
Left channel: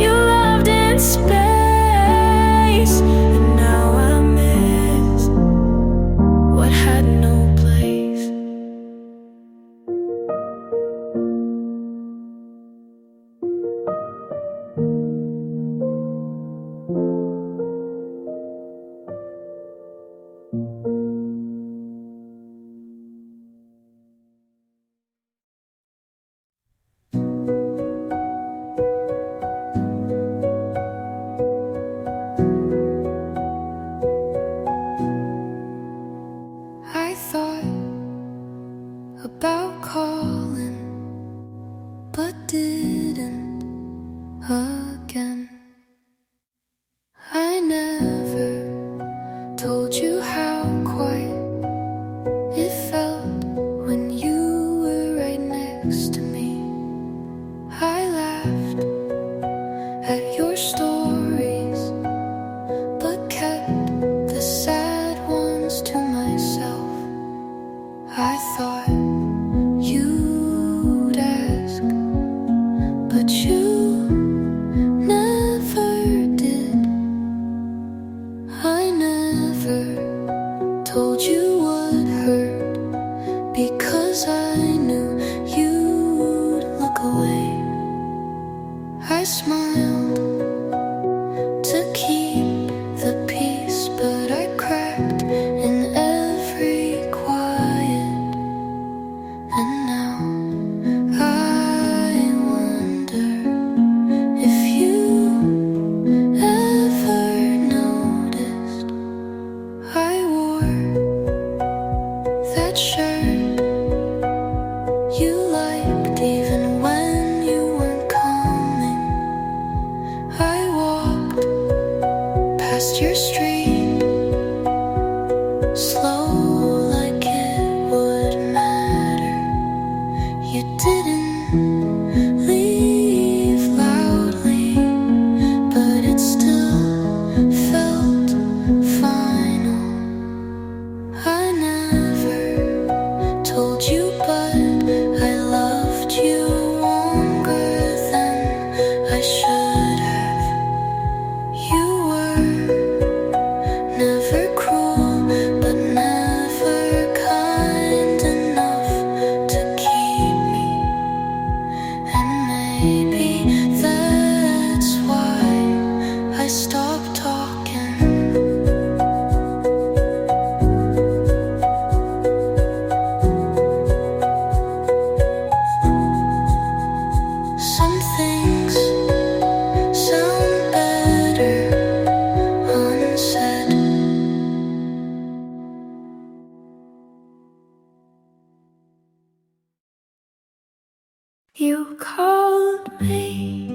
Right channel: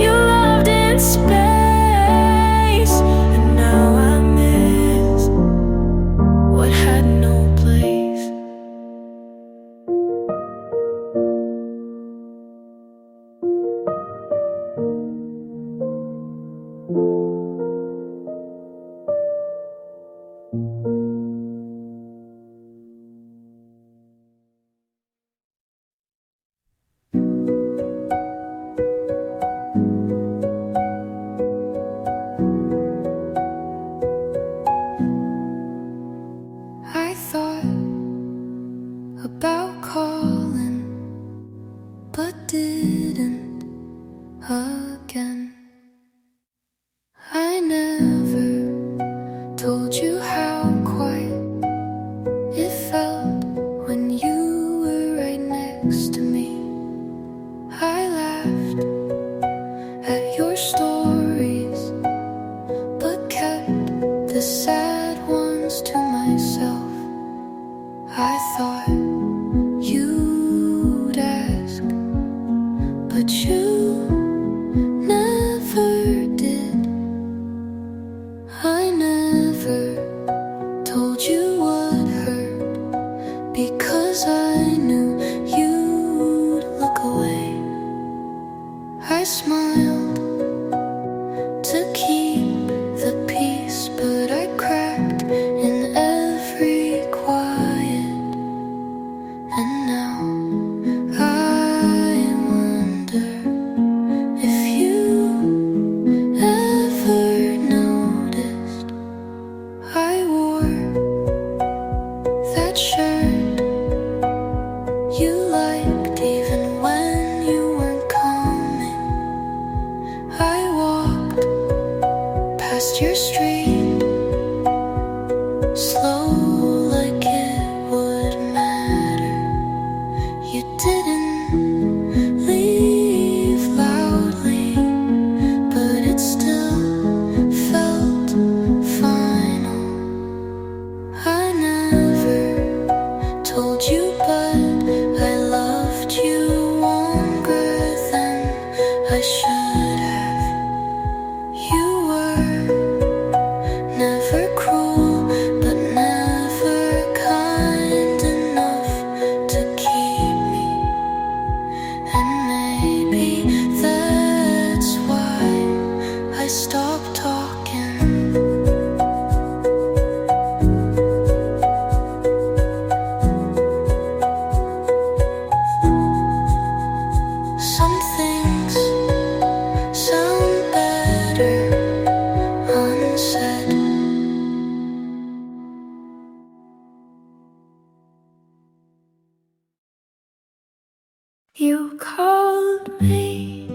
you loved in space, and now I miss what had no place. I thought about calling, but didn't again. I never told you how quiet it felt when you were right next to me. I laughed at your stories, but kept the sad ones to myself. I thought you'd ask, but you never did. I never told you what hurt, because I knew you'd look away. I smiled to keep the peace, but I cracked in every quiet. And now I wonder if you ever noticed I wore that shirt you liked even when you weren't coming. I walked past your street, slow like it would matter. You didn't leave loudly, but it still felt final. I never told you, but I loved you longer than I should have. You were never cruel, but never kind enough to keep me. And maybe that's why I stopped talking. Some things sound better unsaid. You called me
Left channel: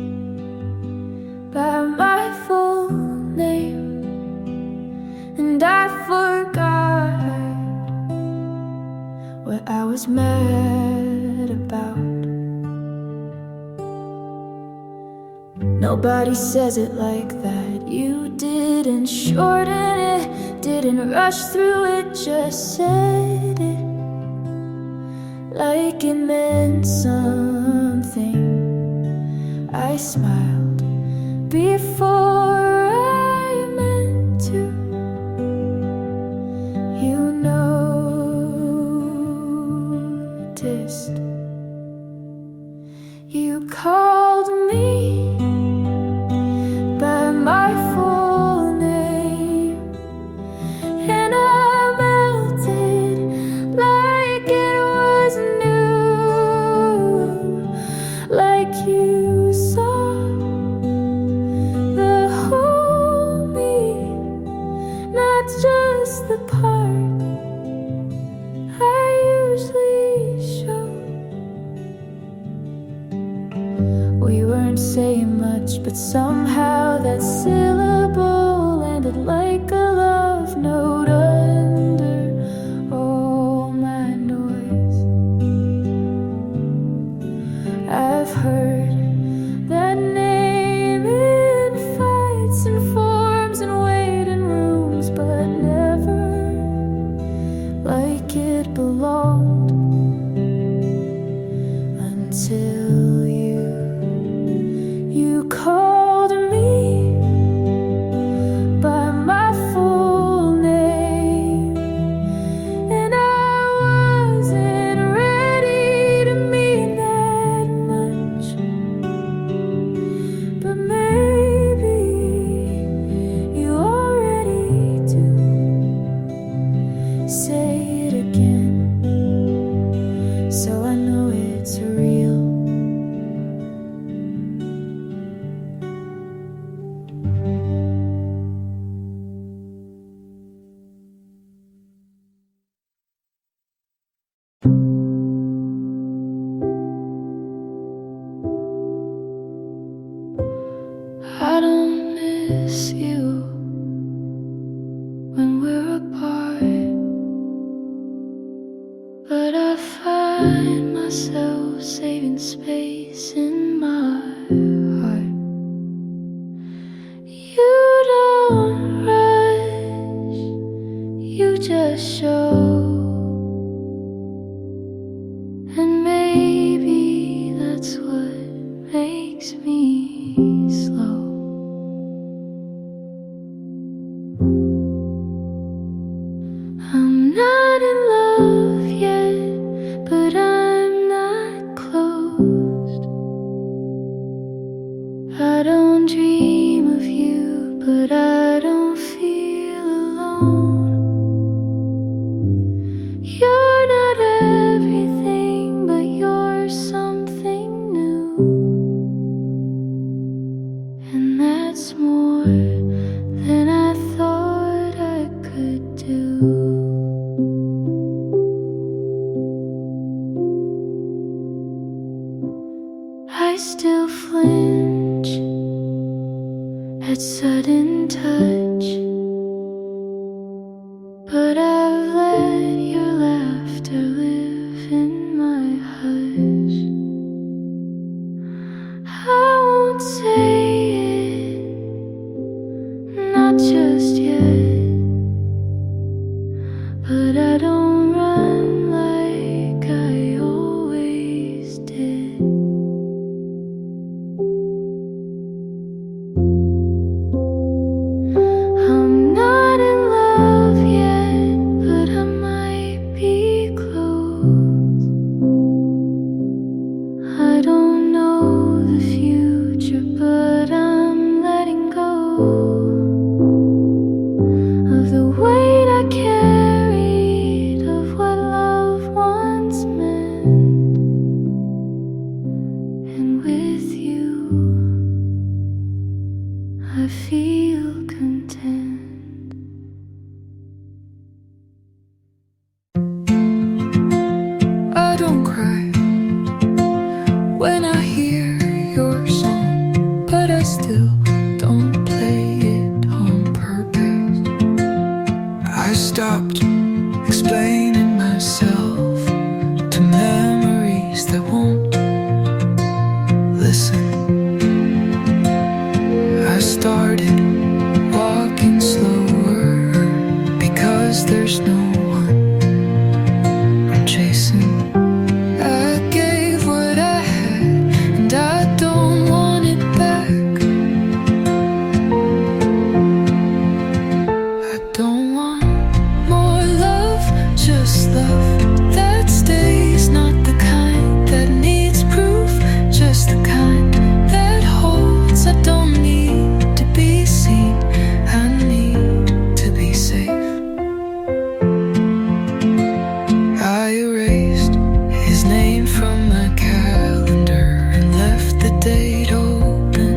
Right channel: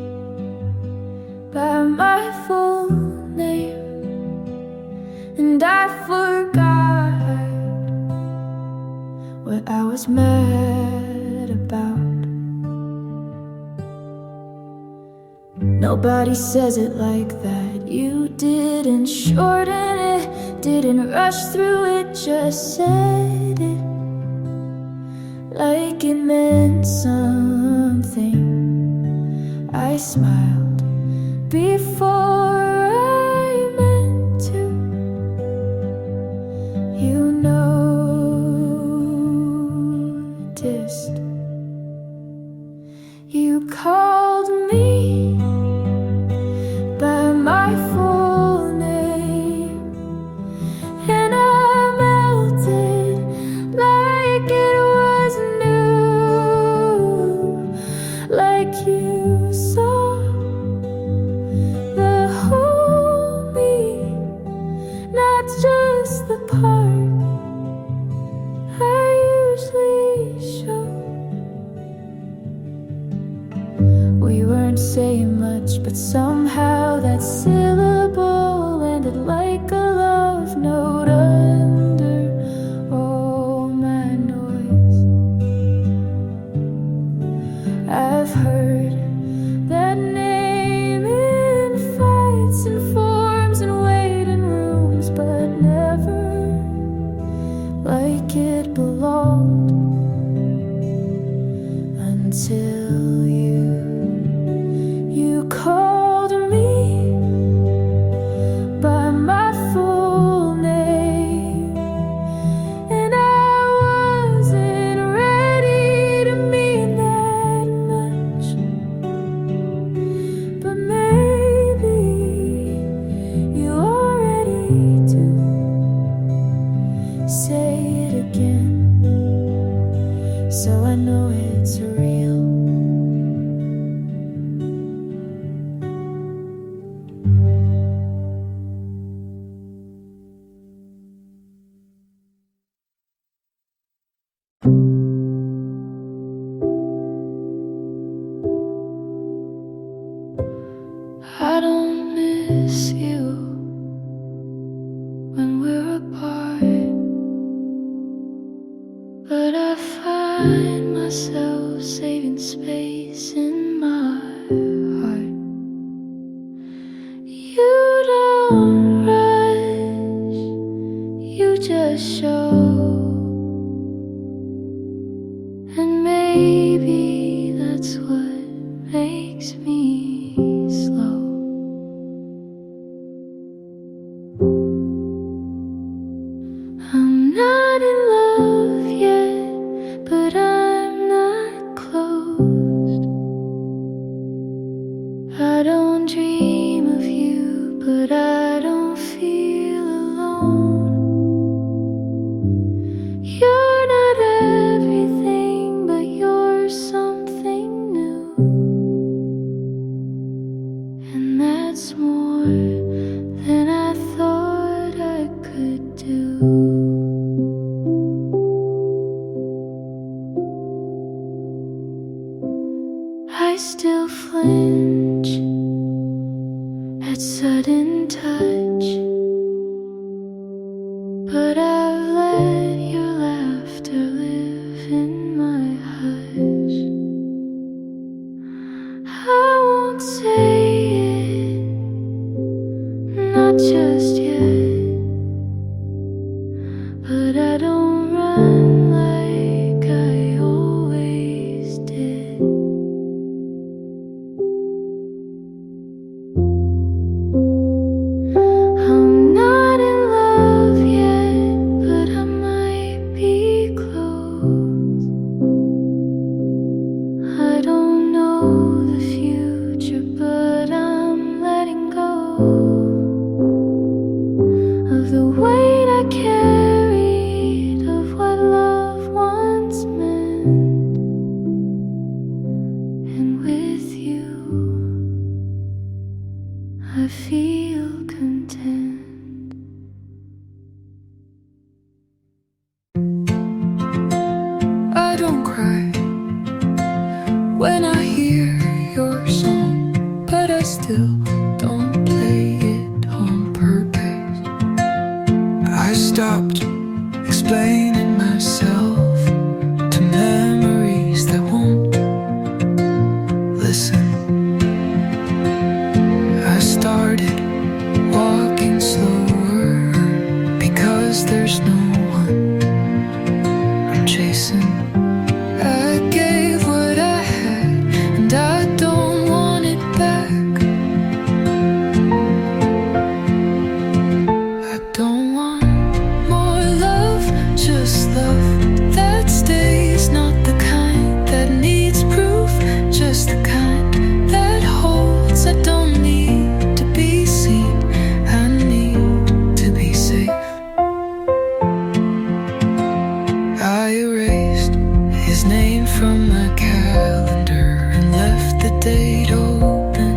by my full name, and I forgot what I was mad about. Nobody says it like that. You didn't shorten it, didn't rush through it, just said it like it meant something. I smiled before I meant to. You noticed. You called me by my full name, and I melted like it was new, like you saw the whole me, not just the part I usually show. We say much, but somehow that syllable landed like a love note under all my noise. I've heard that name in fights and forms and waiting rooms, but never like it belonged until you called me by my full name, and I wasn't ready to mean that much, but maybe you are ready to say it again, so I know it's real. I don't miss you when we're apart, but I find myself saving space in my heart. You don't rush, you just show, and maybe that's what makes me slow. I'm not in love yet, but I'm not closed. I don't dream of you, but I don't feel alone. You're not everything, but you're something new, and that's more than I thought I could do. I still flinch at sudden touch, but I've let your laughter live in my hush. I won't say it, not just yet, but I don't run like I always did. I'm not in love yet, but I might be close. I don't know the future, but I'm letting go of the weight I carried of what love once meant. And with you, I feel content. I don't cry when I hear your song, but I still don't play it on purpose. I stopped explaining myself to memories that won't listen. I started walking slower because there's no one I'm chasing. I gave what I had, and I don't want it back. I don't want more love, just love that stays, not the kind that needs proof, just the kind that holds. I don't need to be seen, I need to be safe. I erased his name from my calendar and left the date open,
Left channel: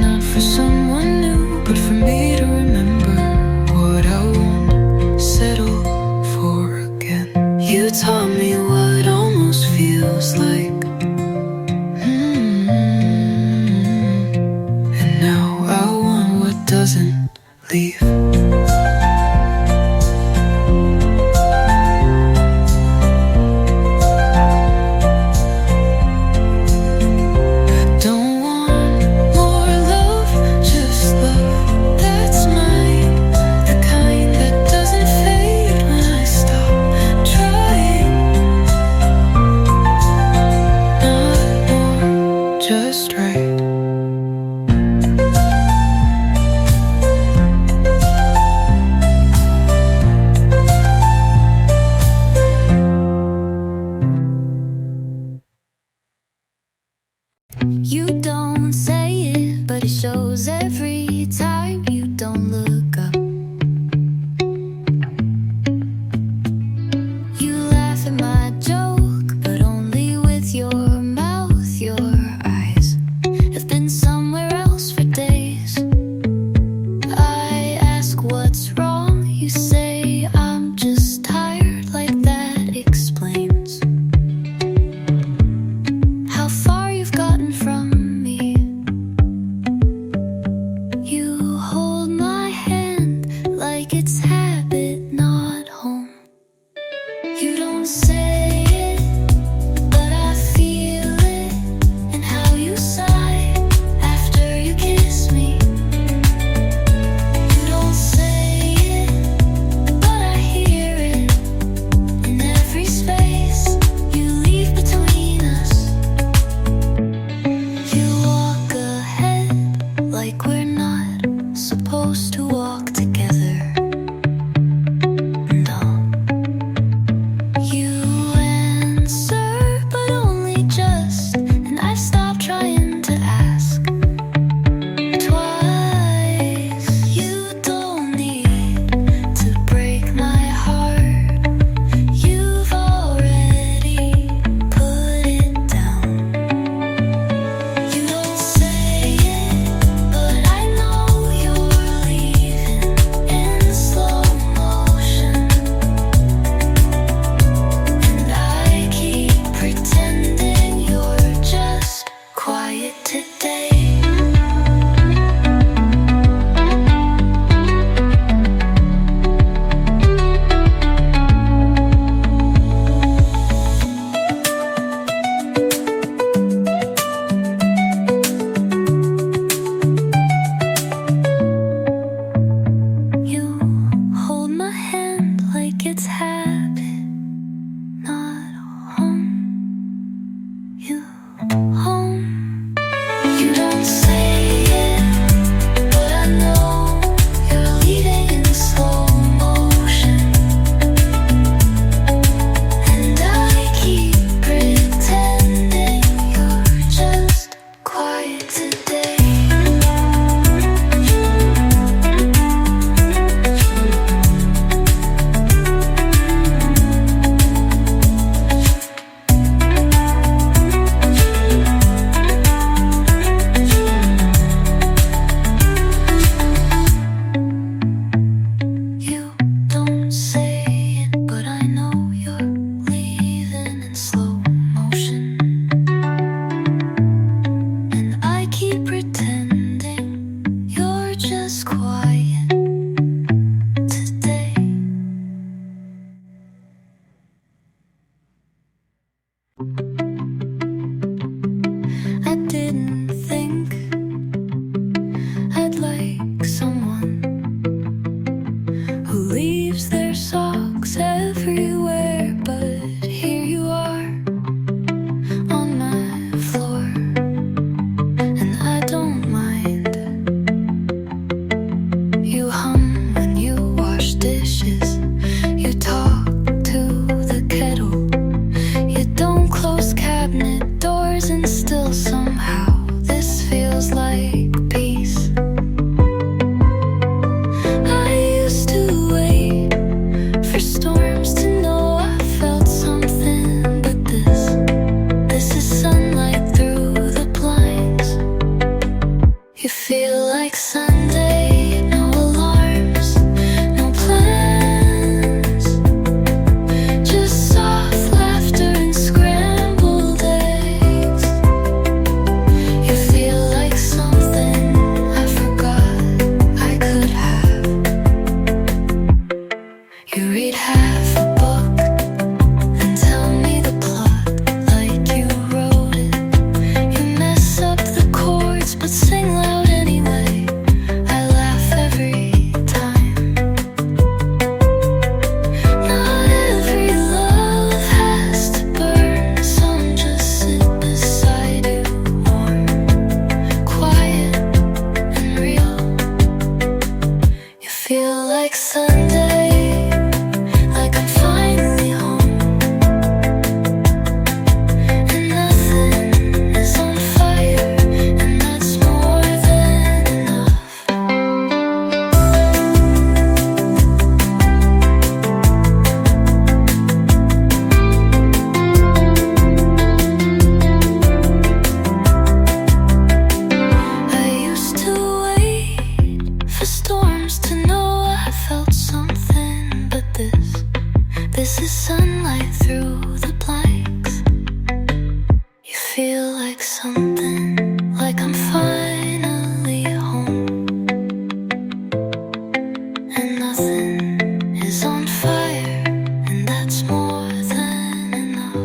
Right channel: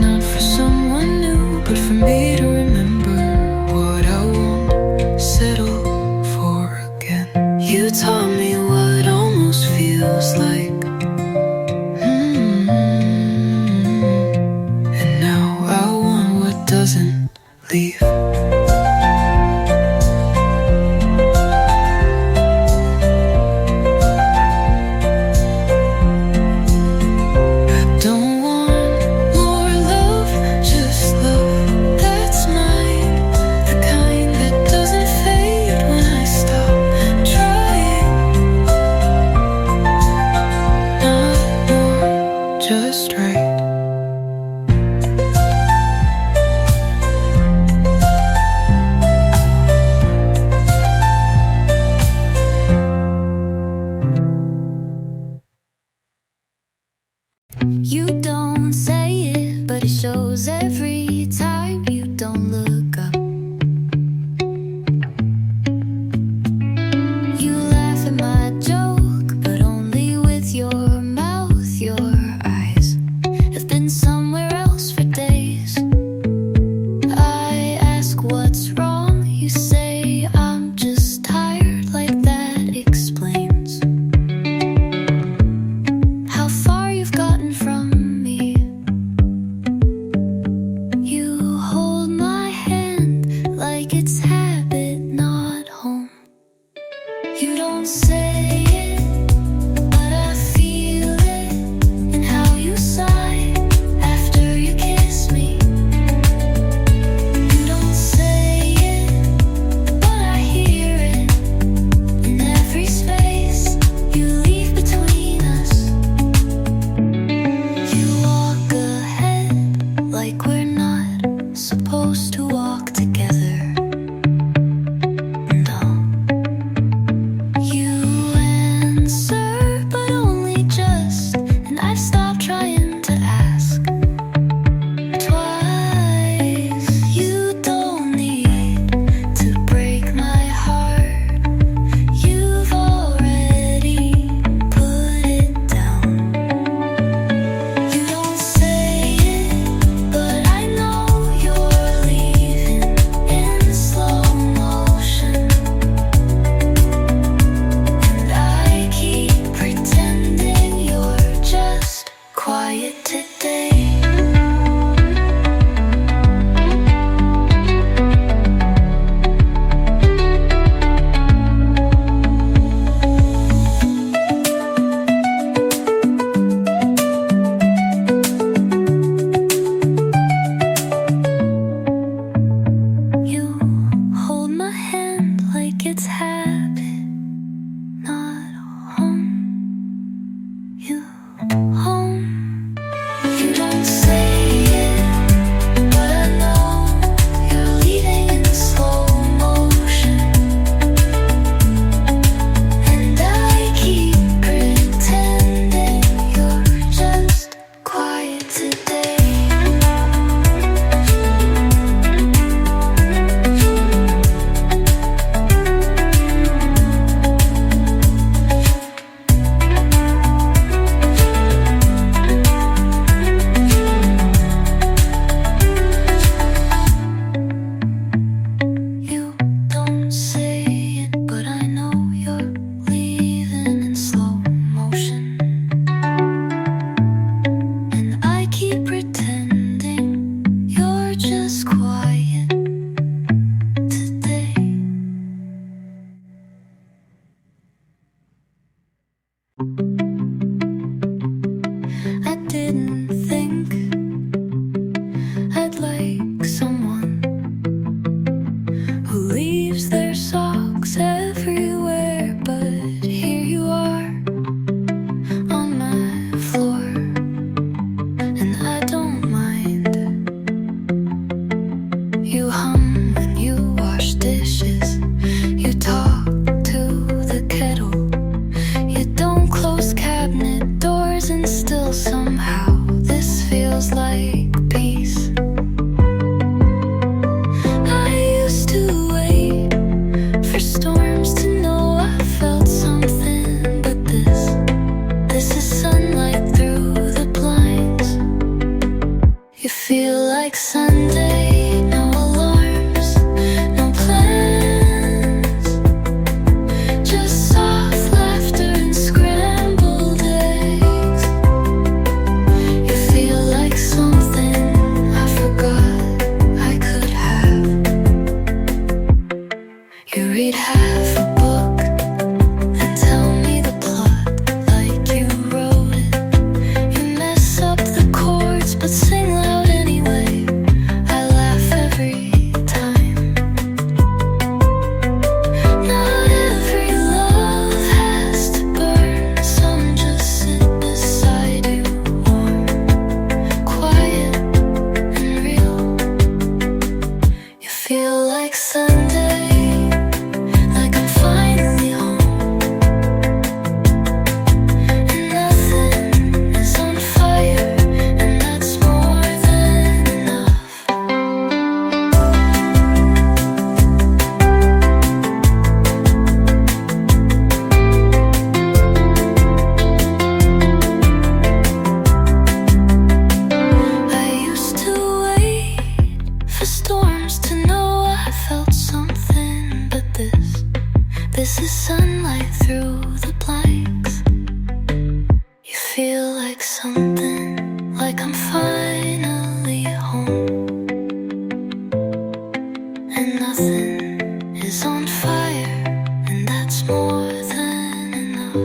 not for someone new, but for me to remember what I won't settle for again. You taught me what almost feels like don't want more love, just love that's mine, the kind that doesn't fade when I stop trying. Not more, just right. You don't say it, but it shows every time you don't look up. You laugh at my joke, but only with your mouth. Your eyes have been somewhere else for days. I ask what's wrong, you say I'm just tired, like that explains how far you've gotten from me. You hold my hand like it's habit, not home. You don't say it, but I feel it in how you sigh after you kiss me. You don't say it, but I hear it in every space you leave between us. You walk ahead like we're not supposed to walk together. No. You answer, but only just, and I've stopped trying to ask twice. You don't need to break my heart, you've already put it down. You don't say it, but I know you're leaving in slow motion, and I keep pretending you're just quiet today. You hold my hand like it's habit, not home. You home. You don't say it, but I know you're leaving in slow motion, and I keep pretending you're just quiet today. You don't say it, but I know you're leaving in slow motion, and I keep pretending you're just quiet today. I didn't think I'd like someone who leaves their socks everywhere, but here you are on my floor, and I don't mind. You hum when you wash dishes, you talk to the kettle, you don't close cabinet doors, and still somehow this feels like peace. I used to wait for storms to know I felt something, but this is sunlight through the blinds. You feel like Sunday, no alarms, no plans, just soft laughter and scrambled eggs. You feel like something I forgot I could have. You read half a book and tell me the plot like you wrote it. You mess up the but sing loud anyway. I laugh every time. Not every love has to burn. Some just sit beside you, warm, quiet, and real. You feel like Sunday, like I'm finally home, and nothing is on fire, and that's more than enough. I used to wait for storms to know I felt something, but this is sunlight through the blanks. You feel like something, like I'm finally home, and nothing is on fire, and that's more than enough.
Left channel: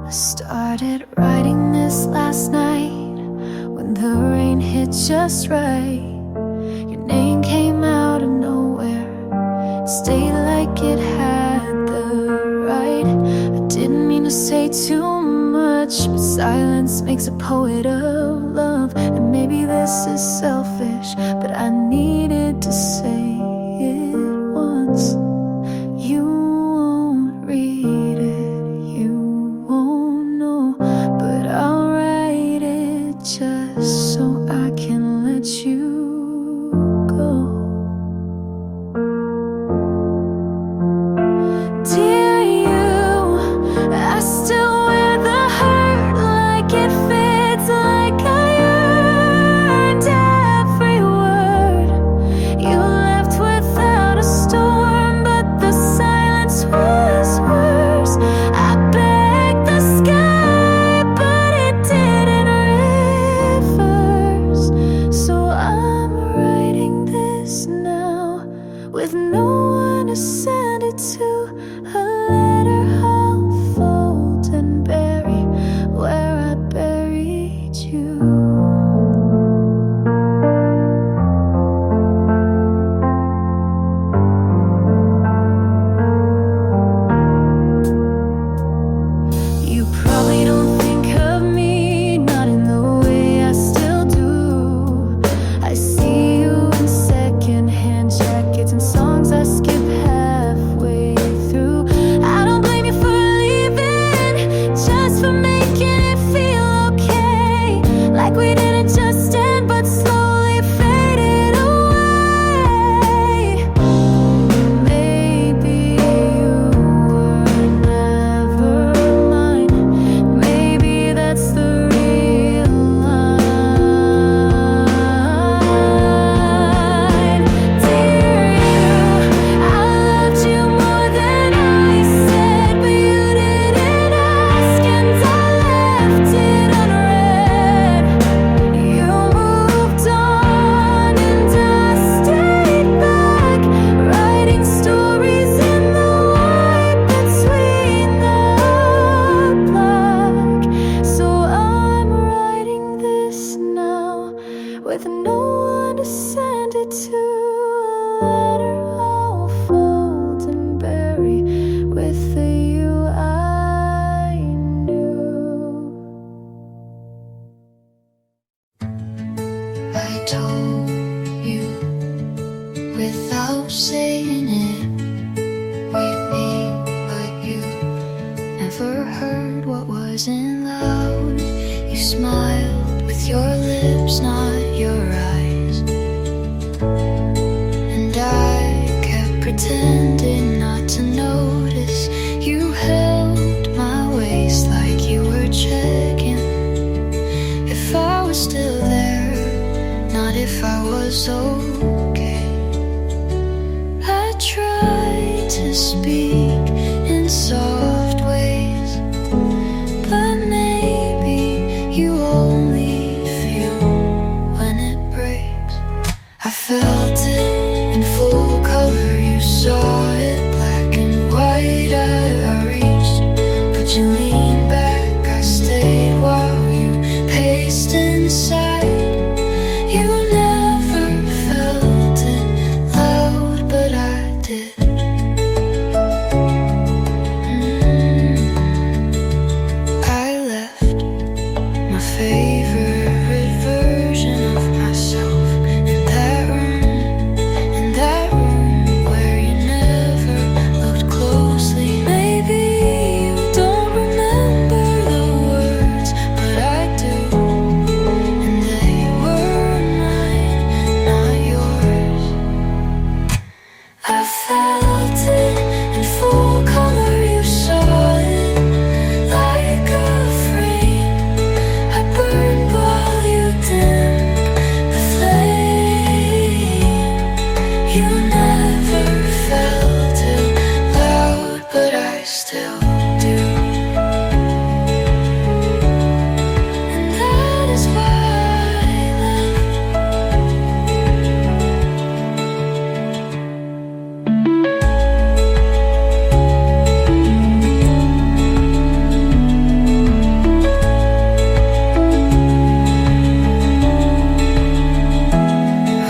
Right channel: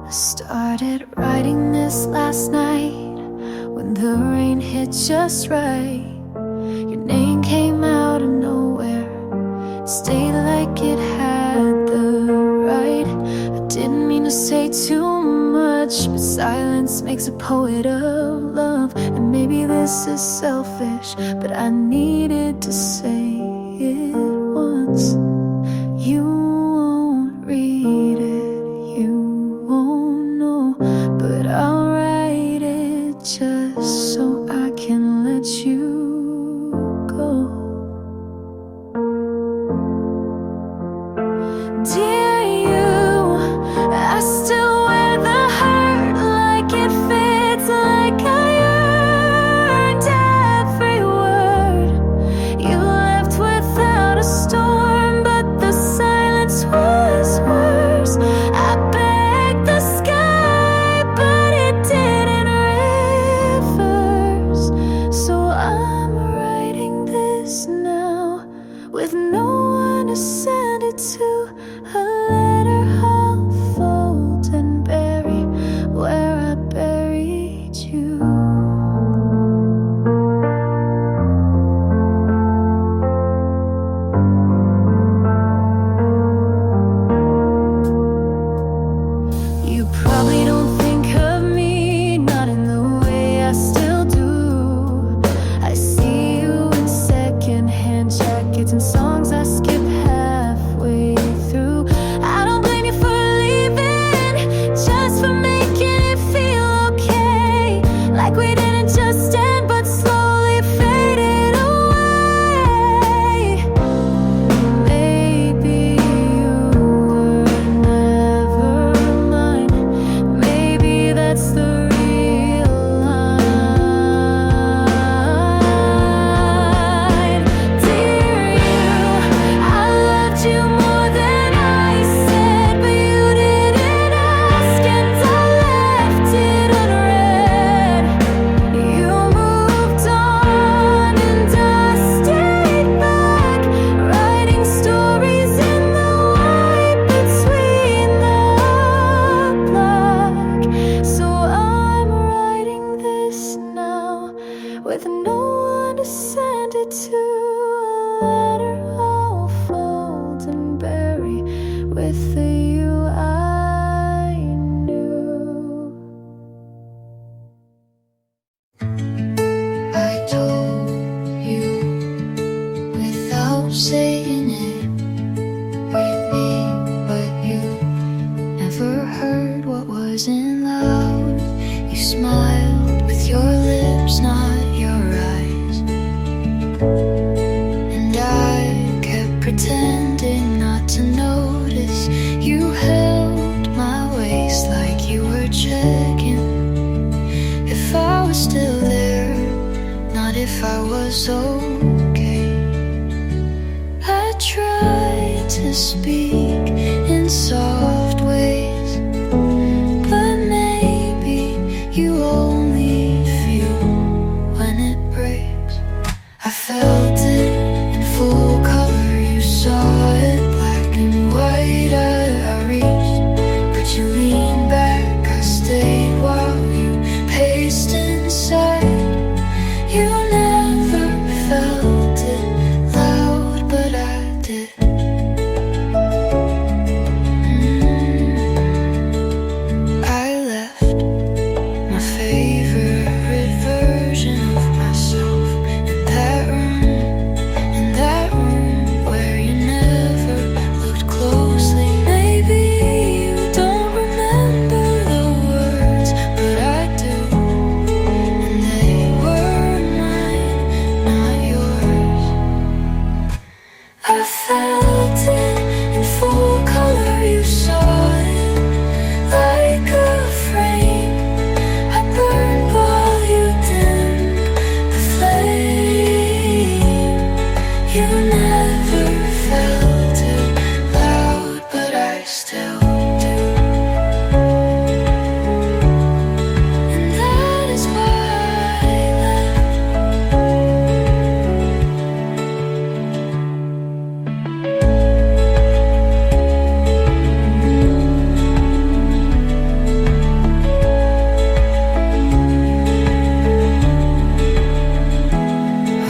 I started writing this last night when the rain hit just right. Your name came out of nowhere, it stayed like it had the right. I didn't mean to say too much, but silence makes a poet of love. And maybe this is selfish, but I needed to say it once. You won't read it, you won't know, but I'll write it just so I can let you go. Dear you, I still wear the hurt like it fits, like I earned every word. You left without a storm, but the silence was worse. I begged the sky, but it didn't reverse. So I'm writing this now with no one to send it to. A letter I'll fold and bury where I buried you. You probably don't think of me, not in the way I still do. I see you in secondhand jackets and songs I skip halfway through. I don't blame you for leaving, just for making it feel okay. Like we didn't just end, but slowly faded away. Maybe you were never mine. Maybe that's the real line. Dear you, I loved you more than I said, but you didn't ask, and I left it unread. You moved on and I stayed back, writing stories in the white between the black. So I'm writing this now with no one to send it to. A letter I'll fold and bury with the you I knew. I told you without saying it, we'd be, but you never heard what wasn't loud. You smiled with your lips, not your eyes. pretending not to notice. You held my waist like you were checking if I was still there, not if I was okay. I tried to speak in soft ways, but maybe you only feel when it breaks. I felt it in full color, you saw it black and white. I reached, but you leaned back. I stayed while you paced inside. You never felt it loud, but I did. I left my favorite version of myself in that room where you never looked closely. Maybe you don't remember the words, but I do, and they were mine, not yours. I felt it in full color, you saw it like a frame. I burned while you dimmed the flame. You never felt it loud, but I still do. And that is why I left.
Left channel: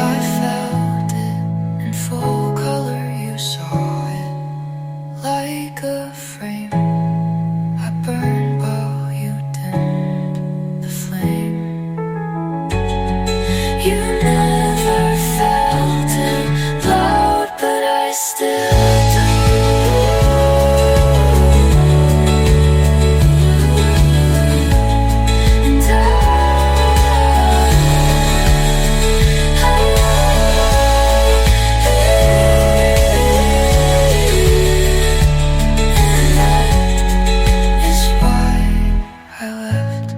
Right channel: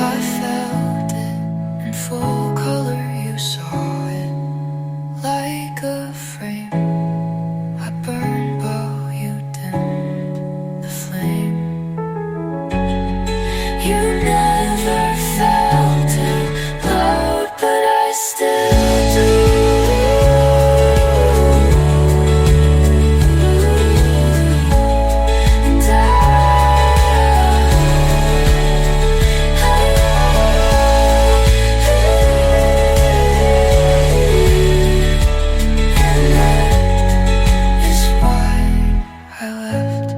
I felt it in full color, you saw it like a frame. I burned while you dimmed the flame. You never felt it loud, but I still do. And that is why I left.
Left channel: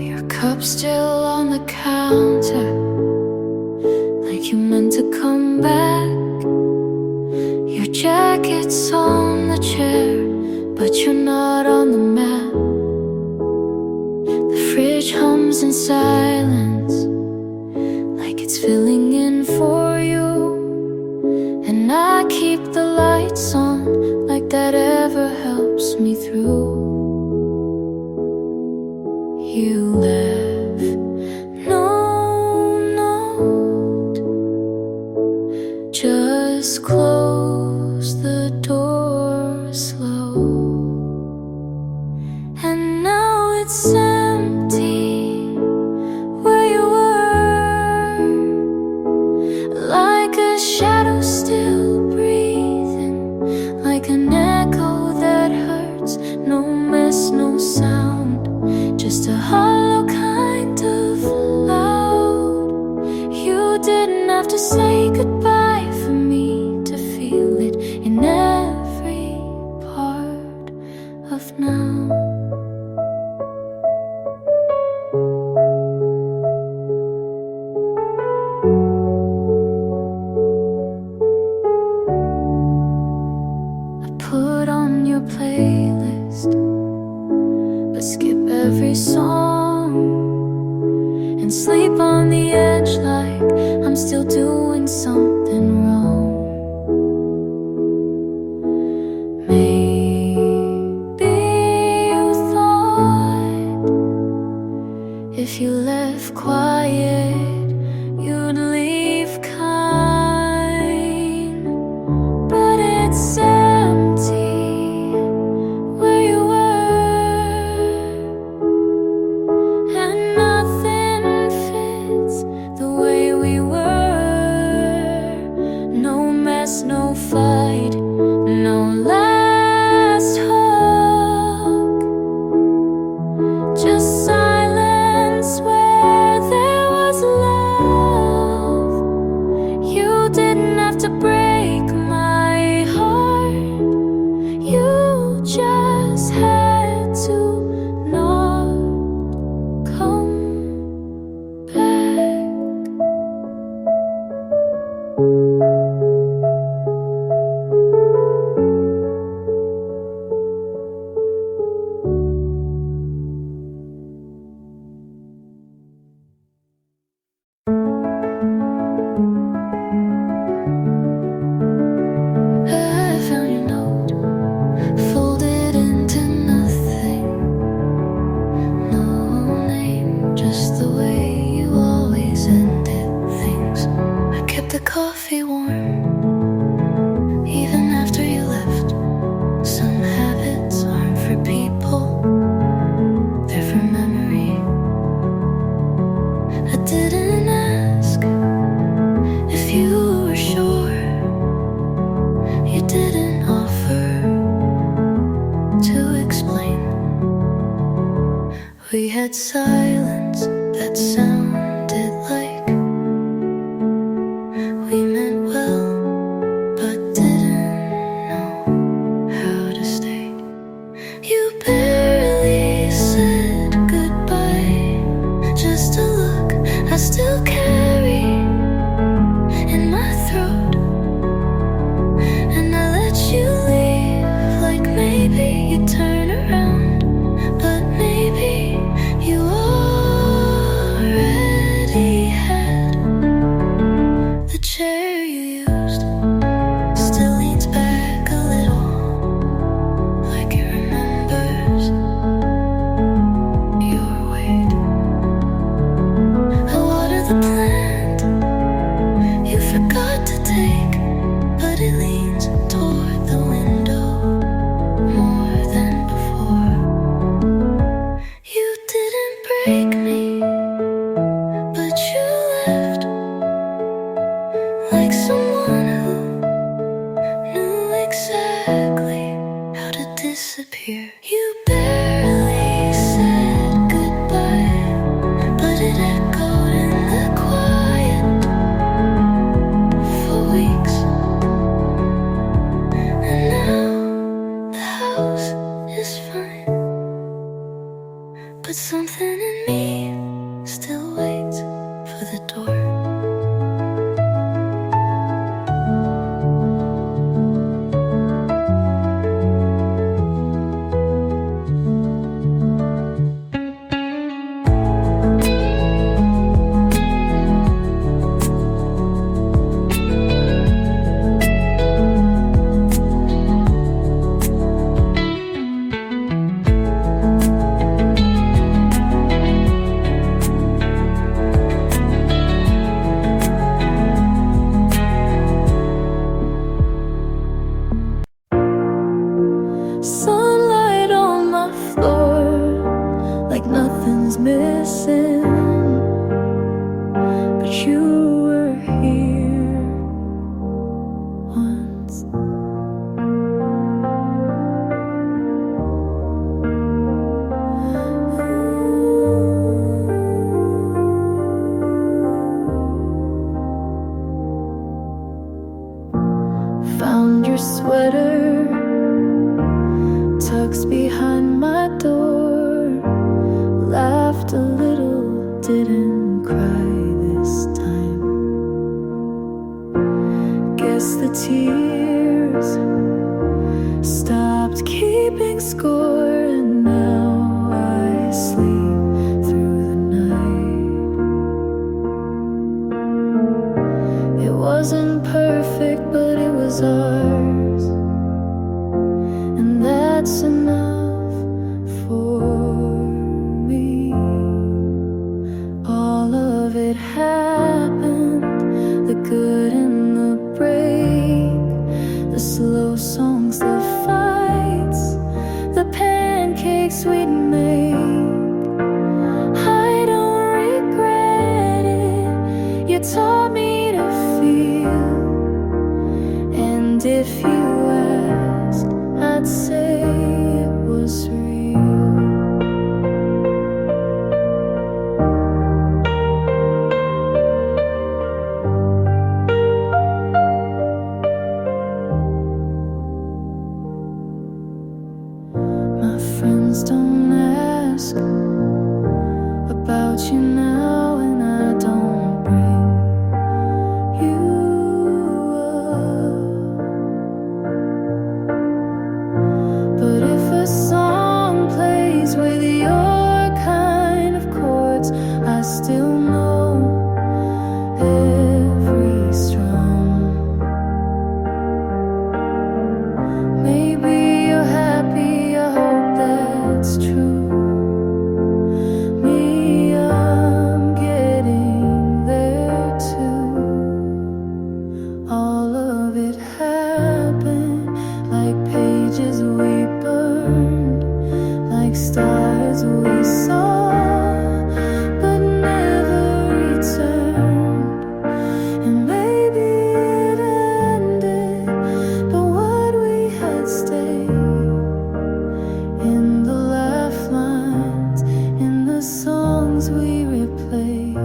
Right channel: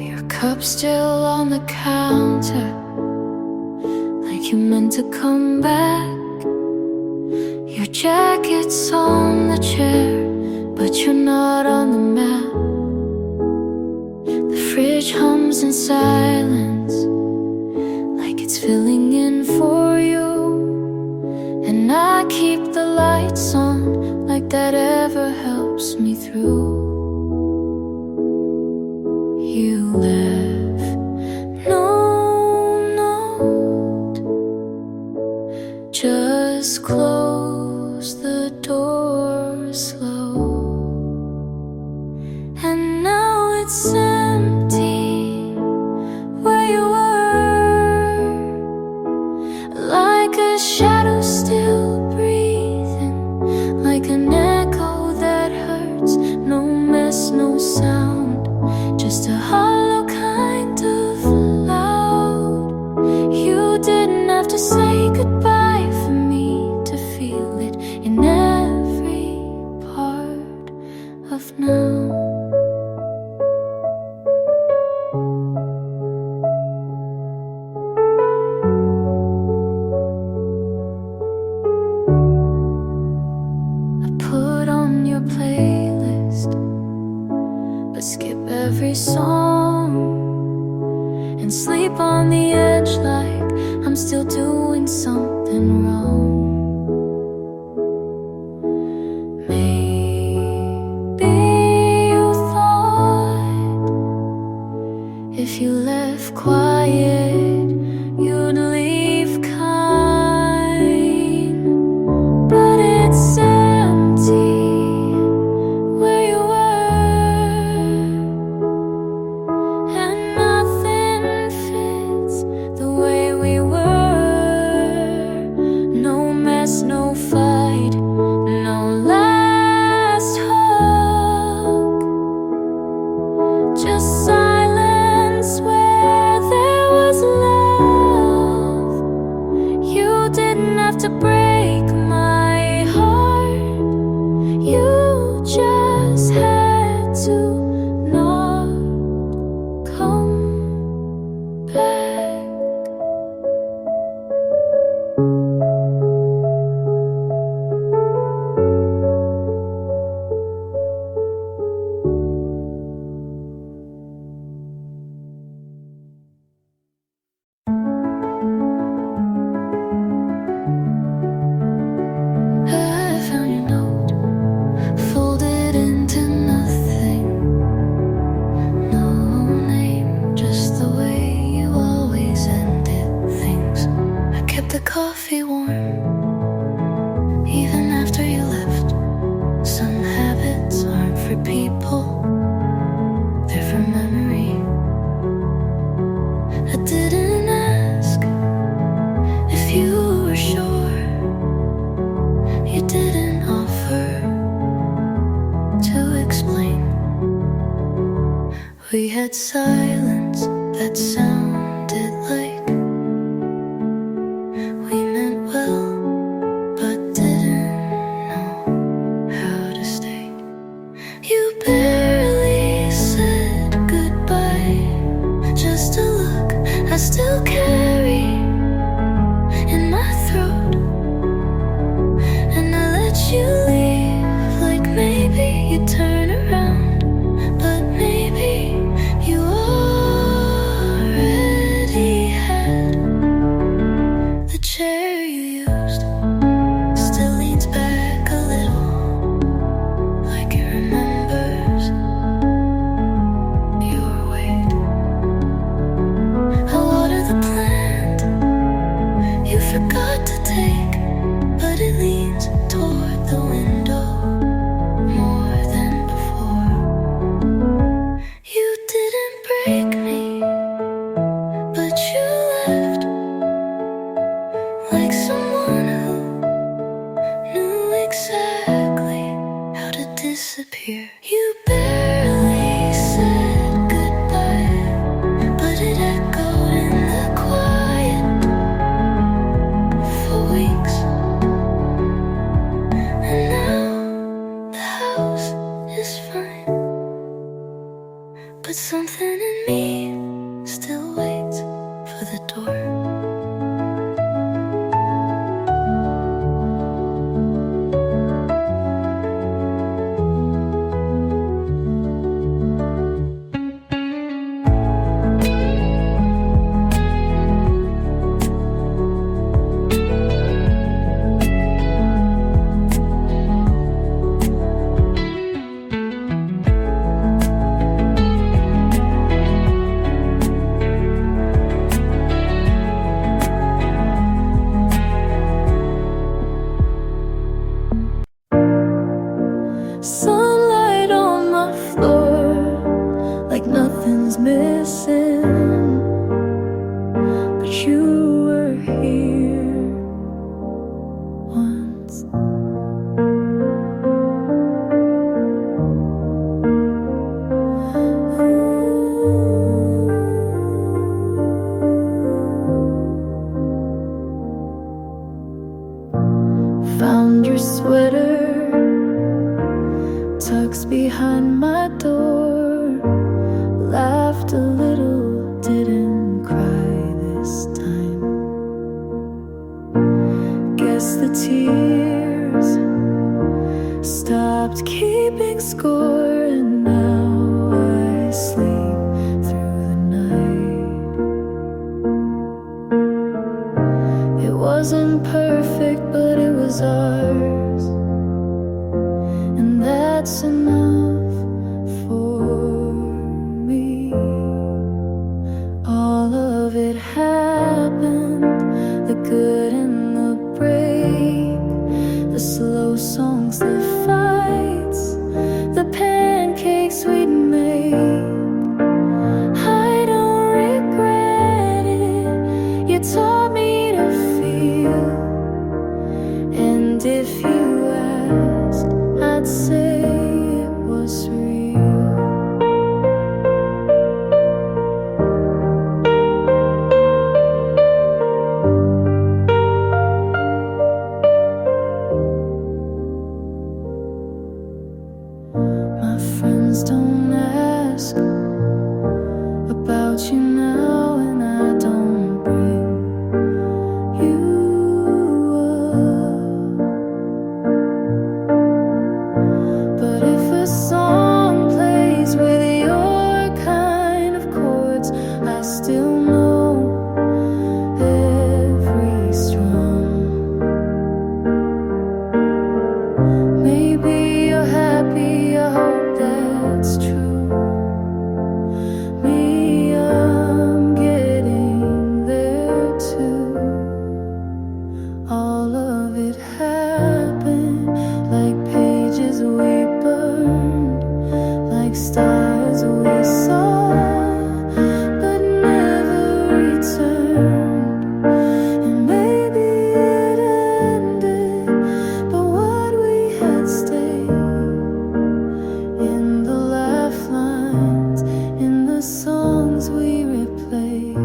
Your cup still on the counter, like you meant to come back. Your jacket's on the chair, but you're not on the map. The fridge hums in silence, like it's filling in for you. And I keep the lights on, like that ever helps me through. You left no note, just close the door slow. And now it's empty where you were, like a shadow still breathing, like an echo that hurts. No mess, no sound, just a hollow kind of loud. You didn't have to say goodbye for me to feel it in every part of now. I put on your playlist, but skip every song and sleep on the edge like I'm still doing something wrong. Maybe you thought if you left quiet, you'd leave kind, but it's empty no fight, no last hug, just silence where there was love. You didn't have to break my heart, you just had to not come back. I found your note, folded into nothing. No name, just the way you always ended things. I kept the coffee warm, even after you left. Some habits aren't for people, they're for memory. I didn't ask if you were sure. You didn't offer to explain. We had silence that sounded like we meant well, but didn't know how to stay. You barely said goodbye, just a look I still carry in my throat. And I let you leave, like maybe you'd turn around, but maybe you already had. The chair you used still leans back a little, like it remembers your weight. I water the plant you forgot to take, but it leans toward the window more than before. You didn't break me, but you left like someone who knew exactly how to disappear. You barely said goodbye, but it echoed in the quiet for weeks. And now the house is fine, but something in me still waits for the door. Sunlight on my floor, like nothing's missing, but you were here once. Found your sweater tucked behind my door, laughed a little, didn't cry this time. Guess the tears stopped keeping score, and now I sleep through the night. It wasn't perfect, but it was ours, and that's enough for me. All of it happened, the good and the break, the slow songs, the fights, the pancakes we'd make. I don't regret it, you taught me to feel, and if you asked, I'd say it was real. My friends don't ask about you now, and I don't bring you up. But if a song plays with your kind of chords, I still know every strum. Maybe you're happy, I hope that's true. Me, I'm getting there too. All of it happened like pages we burned, like stars we saw but never returned. And maybe it ended, but what we had stayed in the laugh lines, in the songs we replay.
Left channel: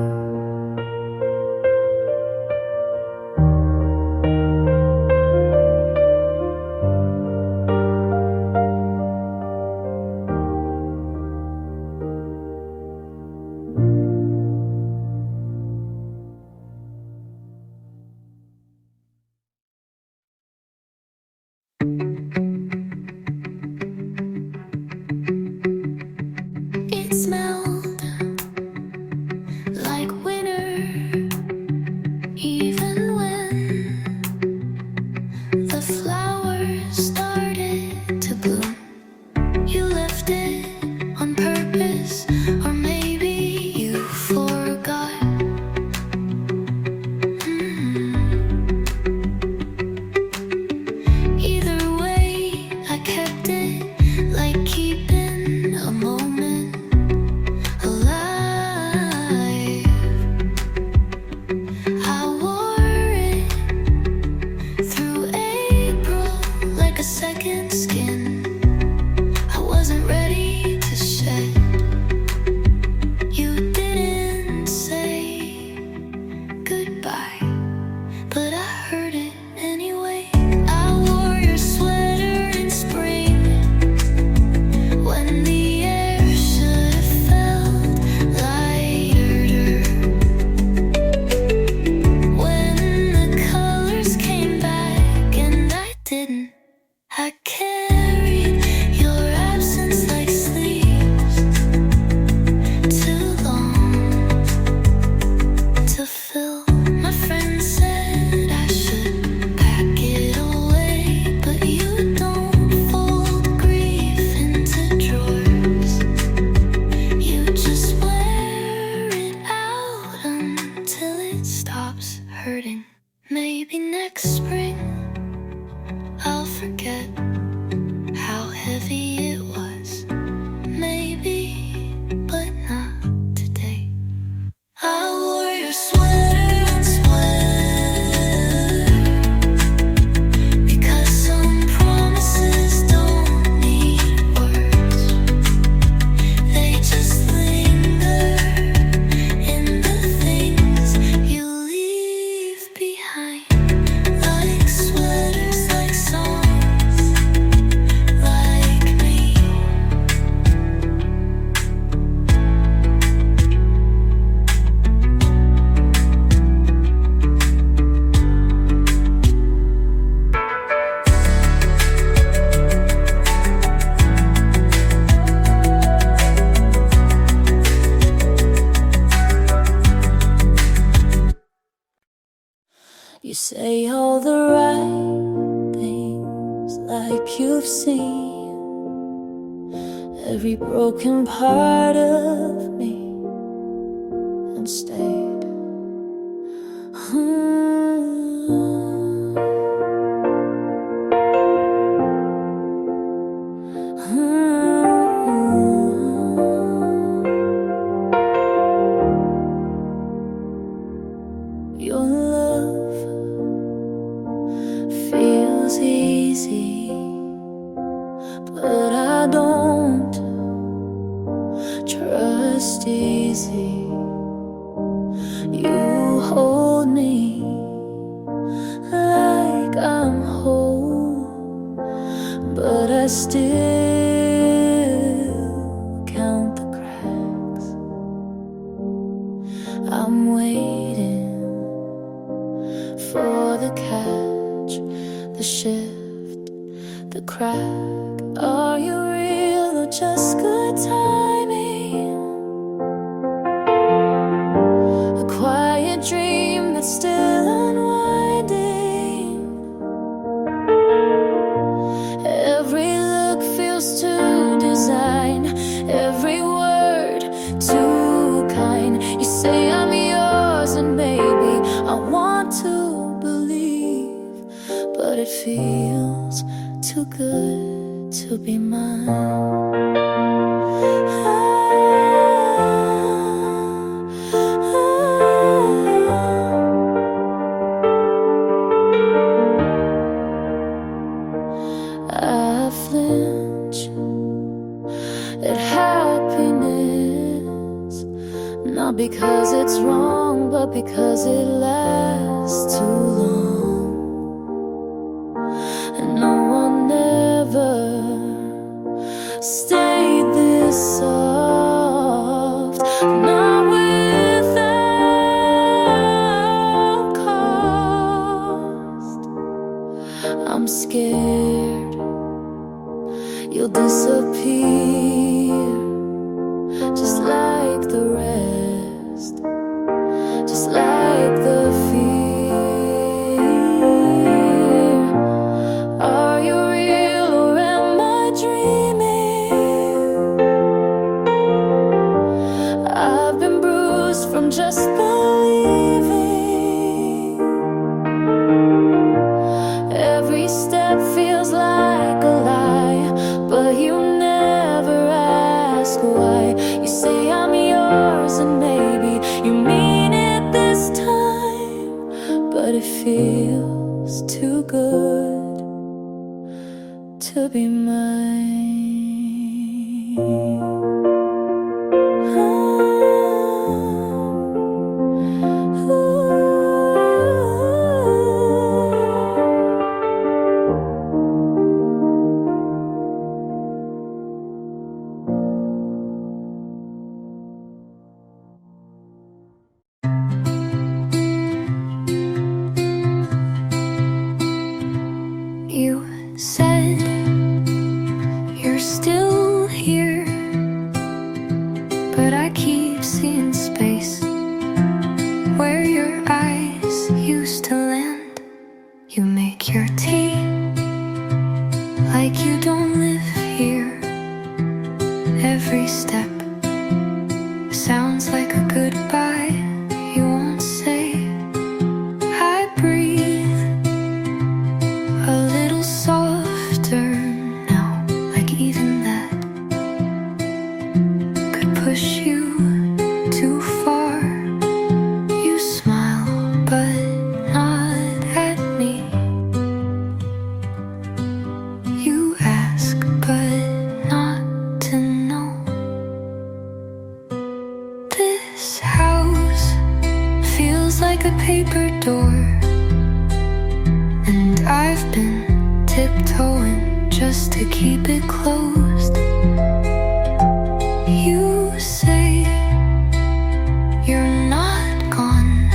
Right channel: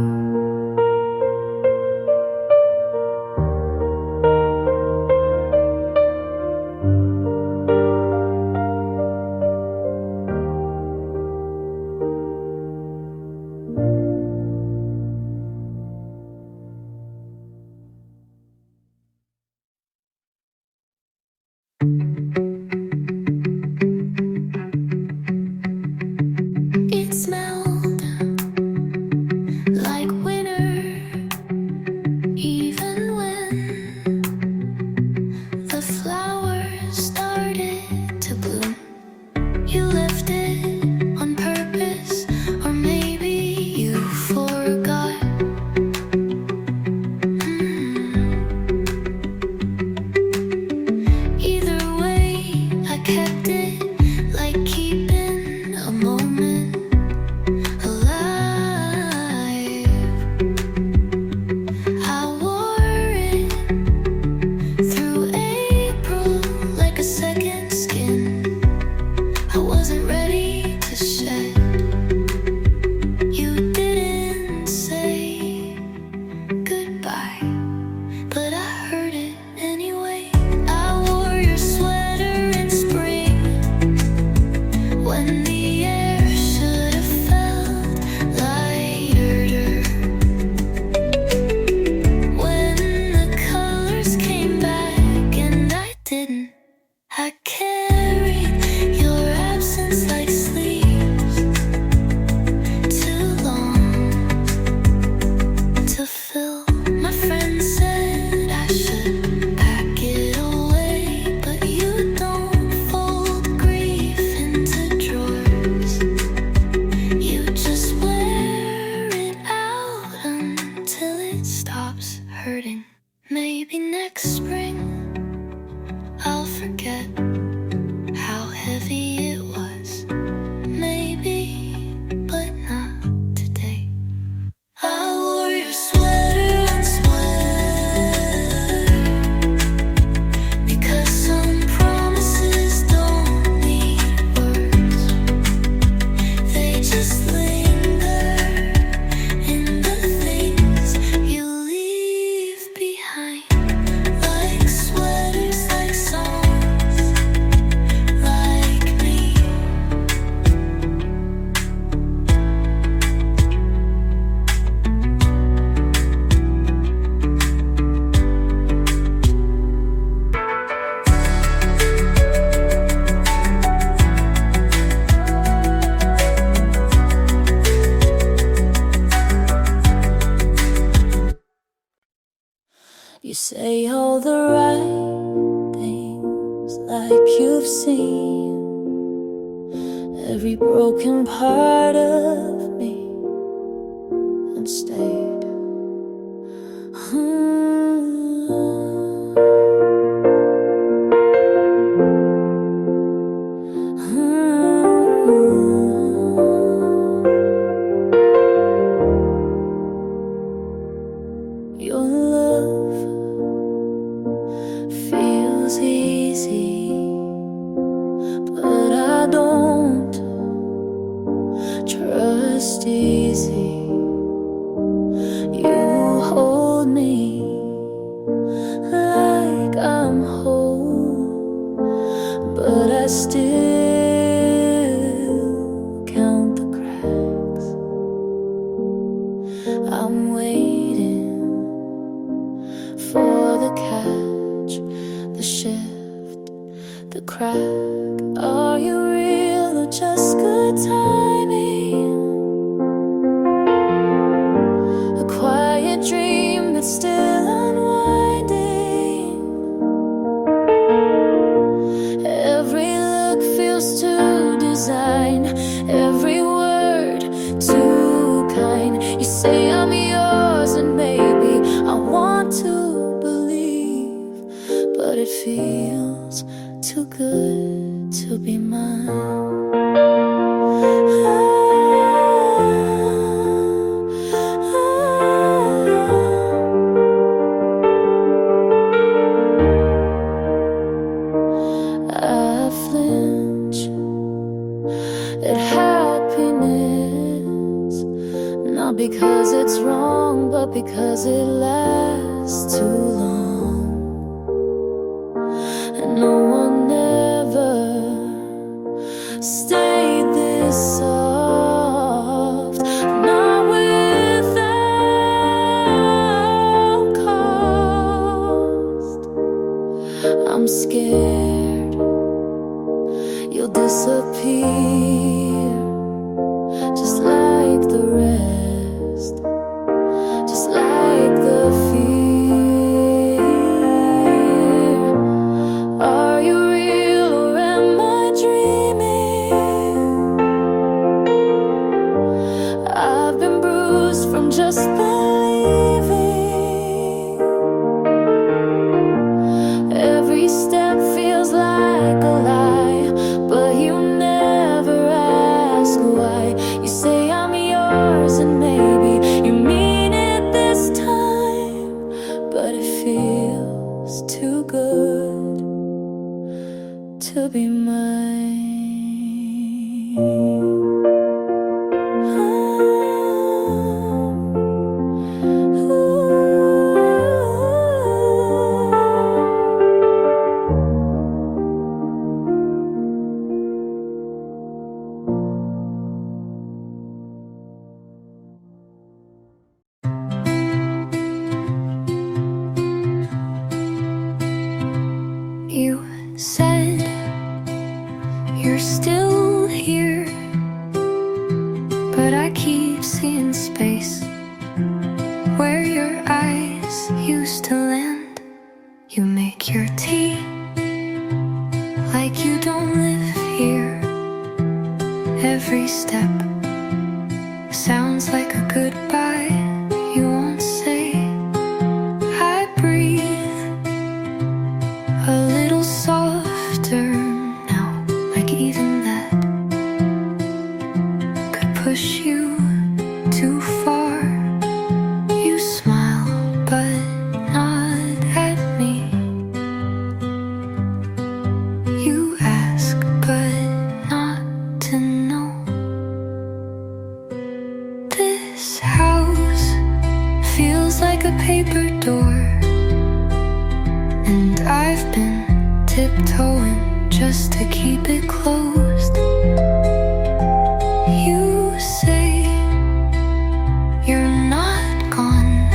It smelled like winter, even when the flowers started to bloom. You left it on purpose, or maybe you forgot. Either way, I kept it, like keeping a moment alive. I wore it through April like a second skin. I wasn't ready to shed. You didn't say goodbye, but I heard it anyway. I wore your sweater in spring, when the air should have felt lighter. When the colors came back and I didn't, I carried your absence like sleeves, too long to fill. My friend said I should pack it away, but you don't fold grief into drawers. You just wear it out until it stops hurting. Maybe next spring I'll forget how heavy it was. Maybe, but not today. I wore your sweater unsweater, because some promises don't need words. They just linger in the things you leave behind, like sweaters, like songs, like me. You say all the right things, like you've seen every broken part of me and stayed. Your love feels feels easy, but I don't trust easy. You hold me like I'm whole, but I still count the cracks. I'm waiting for the catch, the shift, the crack. Are you real or just good timing? A quiet dream that's still unwinding. Every look feels too designed, every word too kind. You say I'm yours and maybe I want to believe, but it feels too good to be mine. I flinch at happiness, not because it's wrong, but because it lasts too long. And no one ever stayed this soft, not without cost. I'm scared you'll disappear, just like the rest, just like the fear. Are you real or am I dreaming? I've been bruised from just believing. Every step feels like a lie, but you never ask why. You say I'm yours and maybe you mean it this time, but it feels too good to be mine. You said you're still here, but I keep seeing space where your eyes used to land. You make your tea like you don't live here. Every step sounds like a goodbye you won't say. I breathe a little softer now, like even that could push you too far. You smile, but not at me. You ask, but not to know. This house feels like a paper door, and I've been tiptoeing just to keep it closed. You say you're not gone,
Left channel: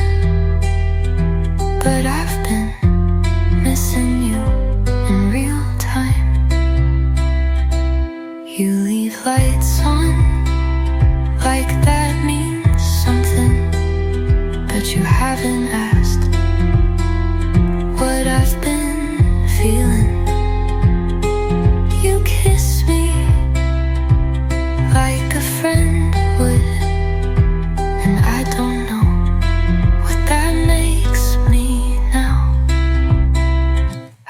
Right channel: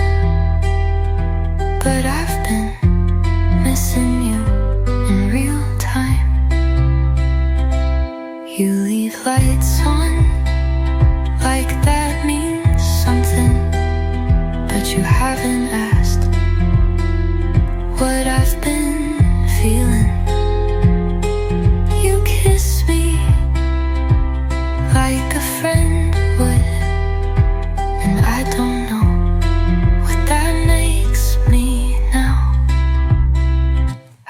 but I've been missing you in real time. You leave lights on like that means something, but you haven't asked what I've been feeling. You kiss me like a friend would, and I don't know what that makes me now.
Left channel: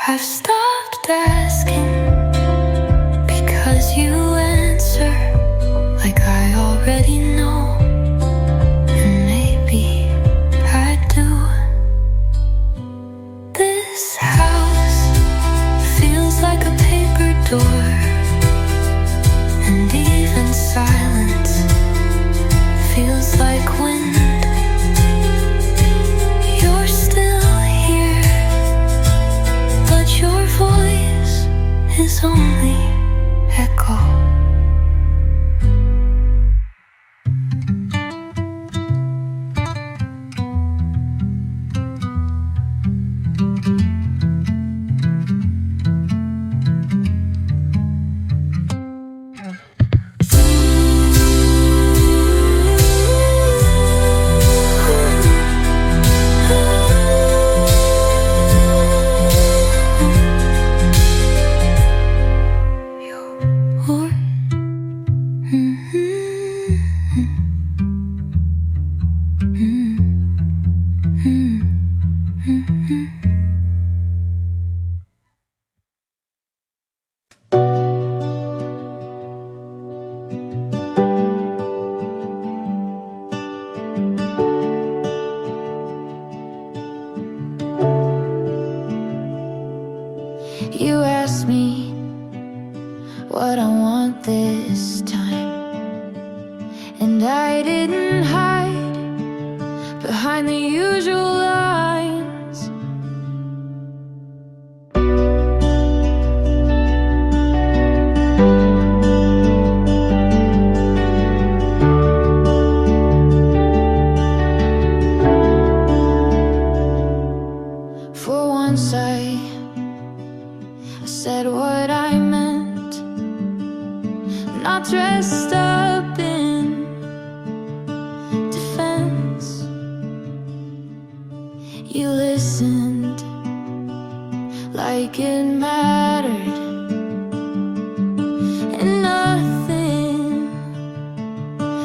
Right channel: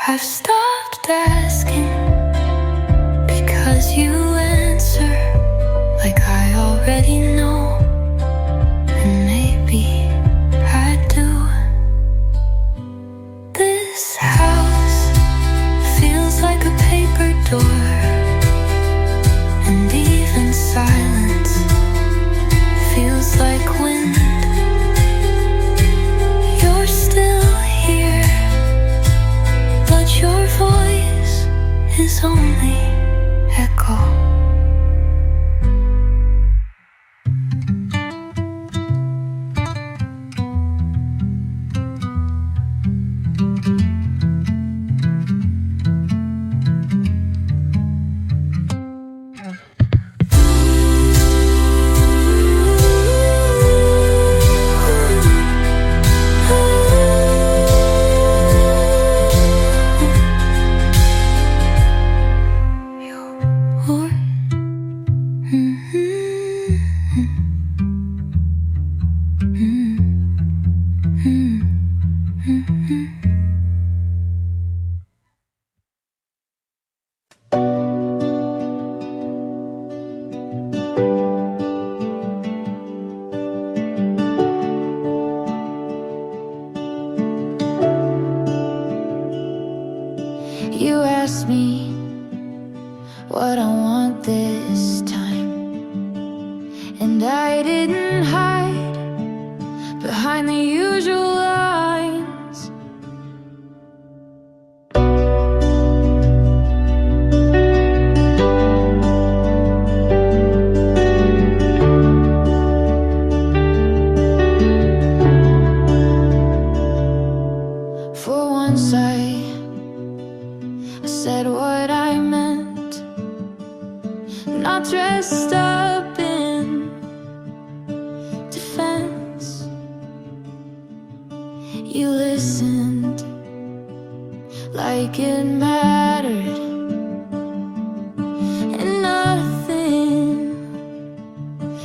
I've stopped asking because you answer like I already know, and maybe I do. This house like wind. You're still here, but your voice is only echo. You asked me what I want this time, and I didn't hide behind the usual lines. For once I said what I meant, not dressed up in defense. You listened like it mattered, and nothing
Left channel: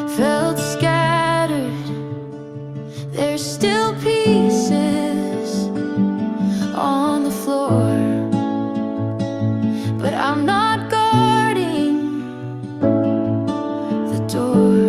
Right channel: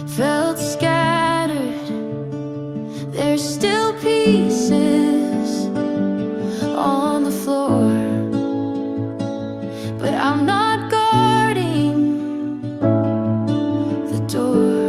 felt scattered. There's still pieces on the floor, but I'm not guarding the door.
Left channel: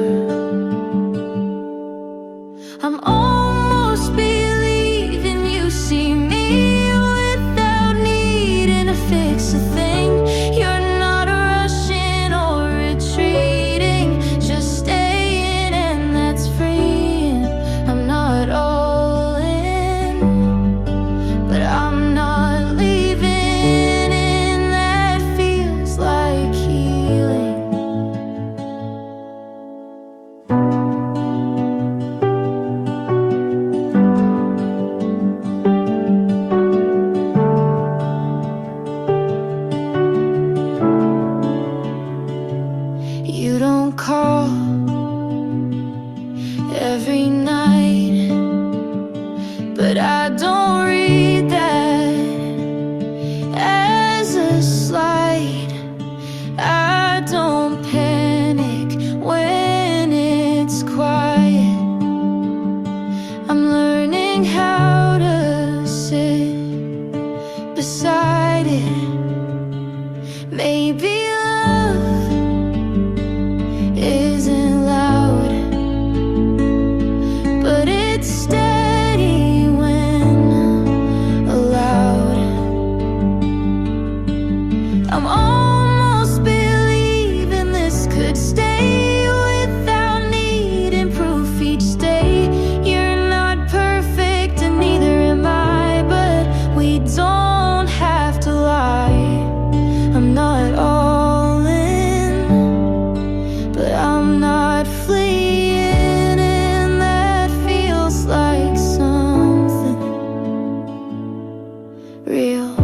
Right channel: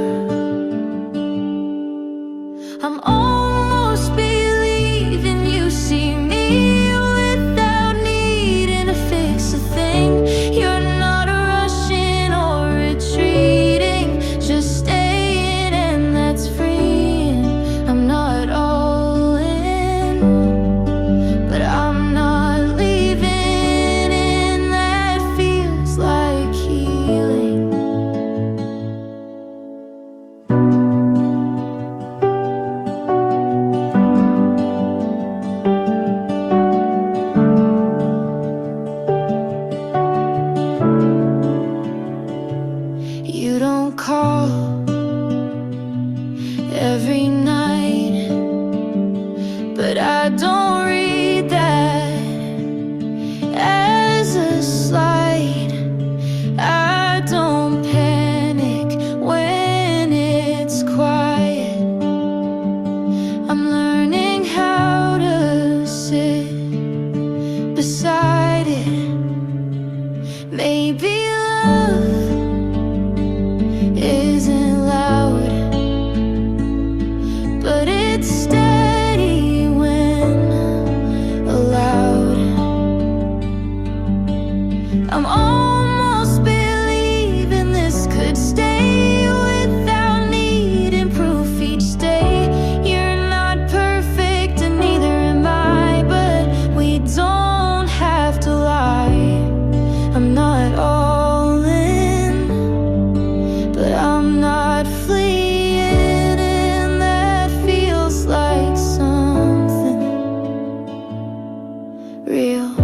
I'm almost believing you see me without needing to fix a thing. You're not rushing or retreating, just staying, and that's freeing. I'm not all in, but I'm not leaving. You don't call every night, but I don't read that as a slight. I don't panic when it's quiet. I'm learning how to sit beside it. Maybe love isn't loud, but it's steady when allowed. I'm almost believing this could stay without needing proof each day. You're not perfect and neither am I, but we don't have to lie. I'm not all in, but I'm not fleeing, and that feels like something real.